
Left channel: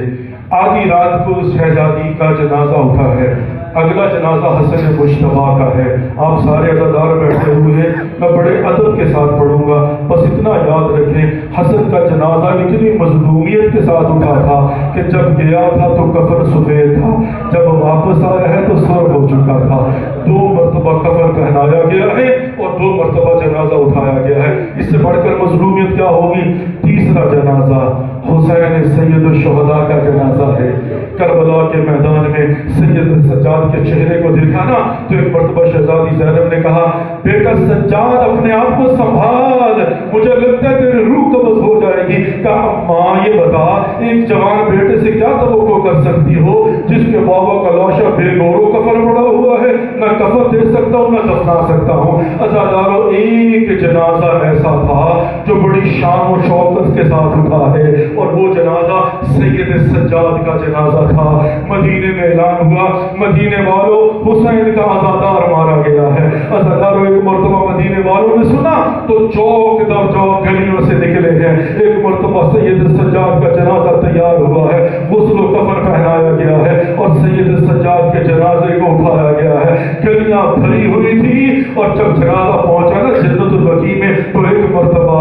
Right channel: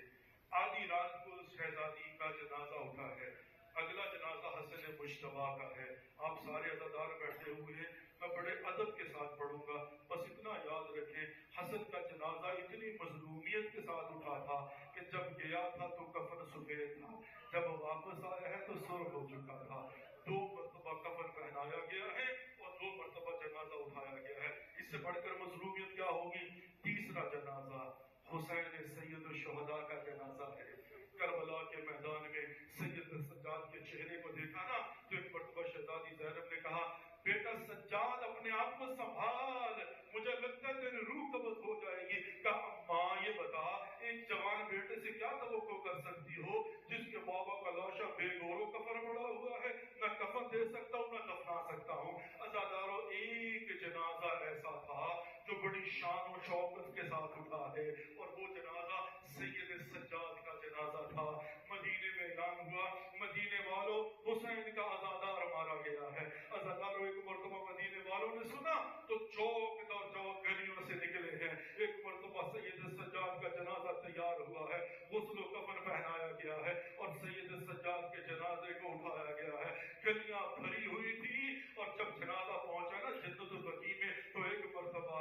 آدھی رات کو شہزادی کا جنازہ اٹھا ہے. اگلا جنازہ حسن مشتبہ کا ہے. آپ سارے عزادار بیٹھے ہوئے ہیں, میں بڑے ادب کے ساتھ پڑھوں گا, بس اتنا یاد رکھیں حسن کا جنازہ اتنی مظلومیت کے ساتھ اٹھا تھا کہ جب گیا تھا تو کفن سفید تھا, جب واپس آیا ہے تو سر ہو چکا تھا. 2 مرتبہ کفن پہنایا گیا ہے اور 2 مرتبہ جنازہ اٹھایا گیا ہے. اس سے بڑھ کر مظلومیت کیا ہوگی؟ تیسرا جنازہ حسین سید الشہداء کا جنازہ ہے. کربلا کے میدان میں سید سجاد کے چہرے کو دیکھا نا تو ایک مرتبہ شہزادی زینب نے کہا بیٹا سجاد اپنے آپ کو سنبھال, مجھے لگتا ہے تیری روح قبض ہو جائے گی. کہا ماں یہ بتا ایک جوان بیٹے سے کیا توقع کر سکتی ہو جس کے بابا کا لاشا بے گورو کفن پڑا ہوا ہے, نہ کفن دے سکتا ہوں نہ دفنا سکتا ہوں. عزادارو ایک جنازہ ایسا تھا جو بڑی شان و شوکت کے ساتھ اٹھا ہے, اور وہ جنازہ سید سجاد کا جنازہ تھا. مدینے میں اعلان ہوا مدینے والوں حسین کا عزادار مارا گیا ہے. عزاداروں ایک مرتبہ مدینے والوں نے سنا تو چوک در چوک گلیوں سے نکلے ہیں. ایک مرتبہ سید سجاد کا جنازہ تیار ہوا ہے, غسل و کفن پہنایا گیا ہے اور سید سجاد کے جنازے کو اٹھایا گیا ہے. گلیاں بھری ہوئی تھی اور جب جنازہ پہنچا نا جنت البقیع میں تو ایک مرتبہ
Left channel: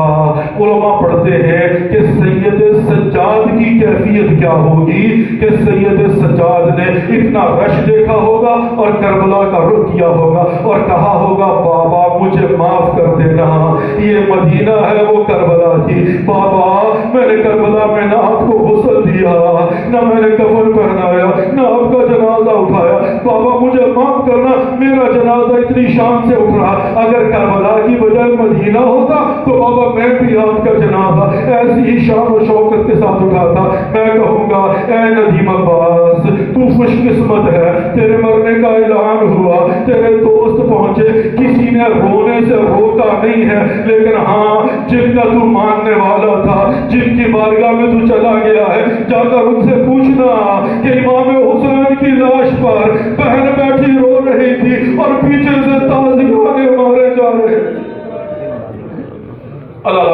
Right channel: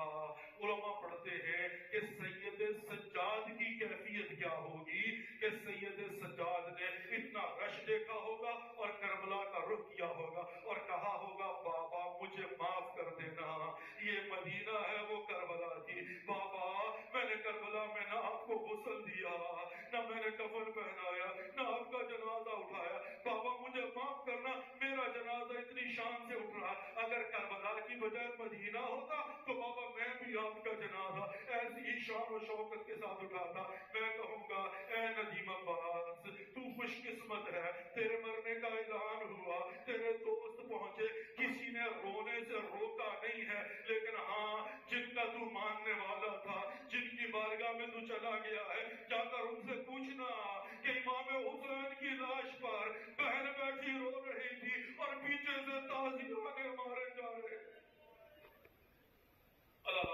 علماء پڑھتے ہیں کہ سید سجاد کی کیفیت کیا ہوگی کہ سید سجاد نے اتنا رش دیکھا ہوگا اور کربلا کا رخ کیا ہوگا اور کہا ہوگا بابا مجھے معاف کر دینا, یہ مدینہ ہے وہ کربلا تھی. بابا میں نے کربلا میں نہ آپ کو غسل دیا, نہ میں نے کفن پہنایا, نہ آپ کا جنازہ اٹھایا. بابا مجھے معاف کرنا, میرا جنازہ اتنی شان سے اٹھ رہا, اگر کربلا کی بجائے مدینہ ہوتا تو بابا میں بھی آپ کا جنازہ ایسی ہی شان و شوکت کے ساتھ اٹھاتا. میں کہوں گا اے ندیم عباس تو خوش قسمت ہے, تیرے مرنے کا اعلان ہوا, تیرے دوست پہنچے, کسی نے رونے سے روکا نہیں ہے, لیکن ہاں جن کا تو ماننے والا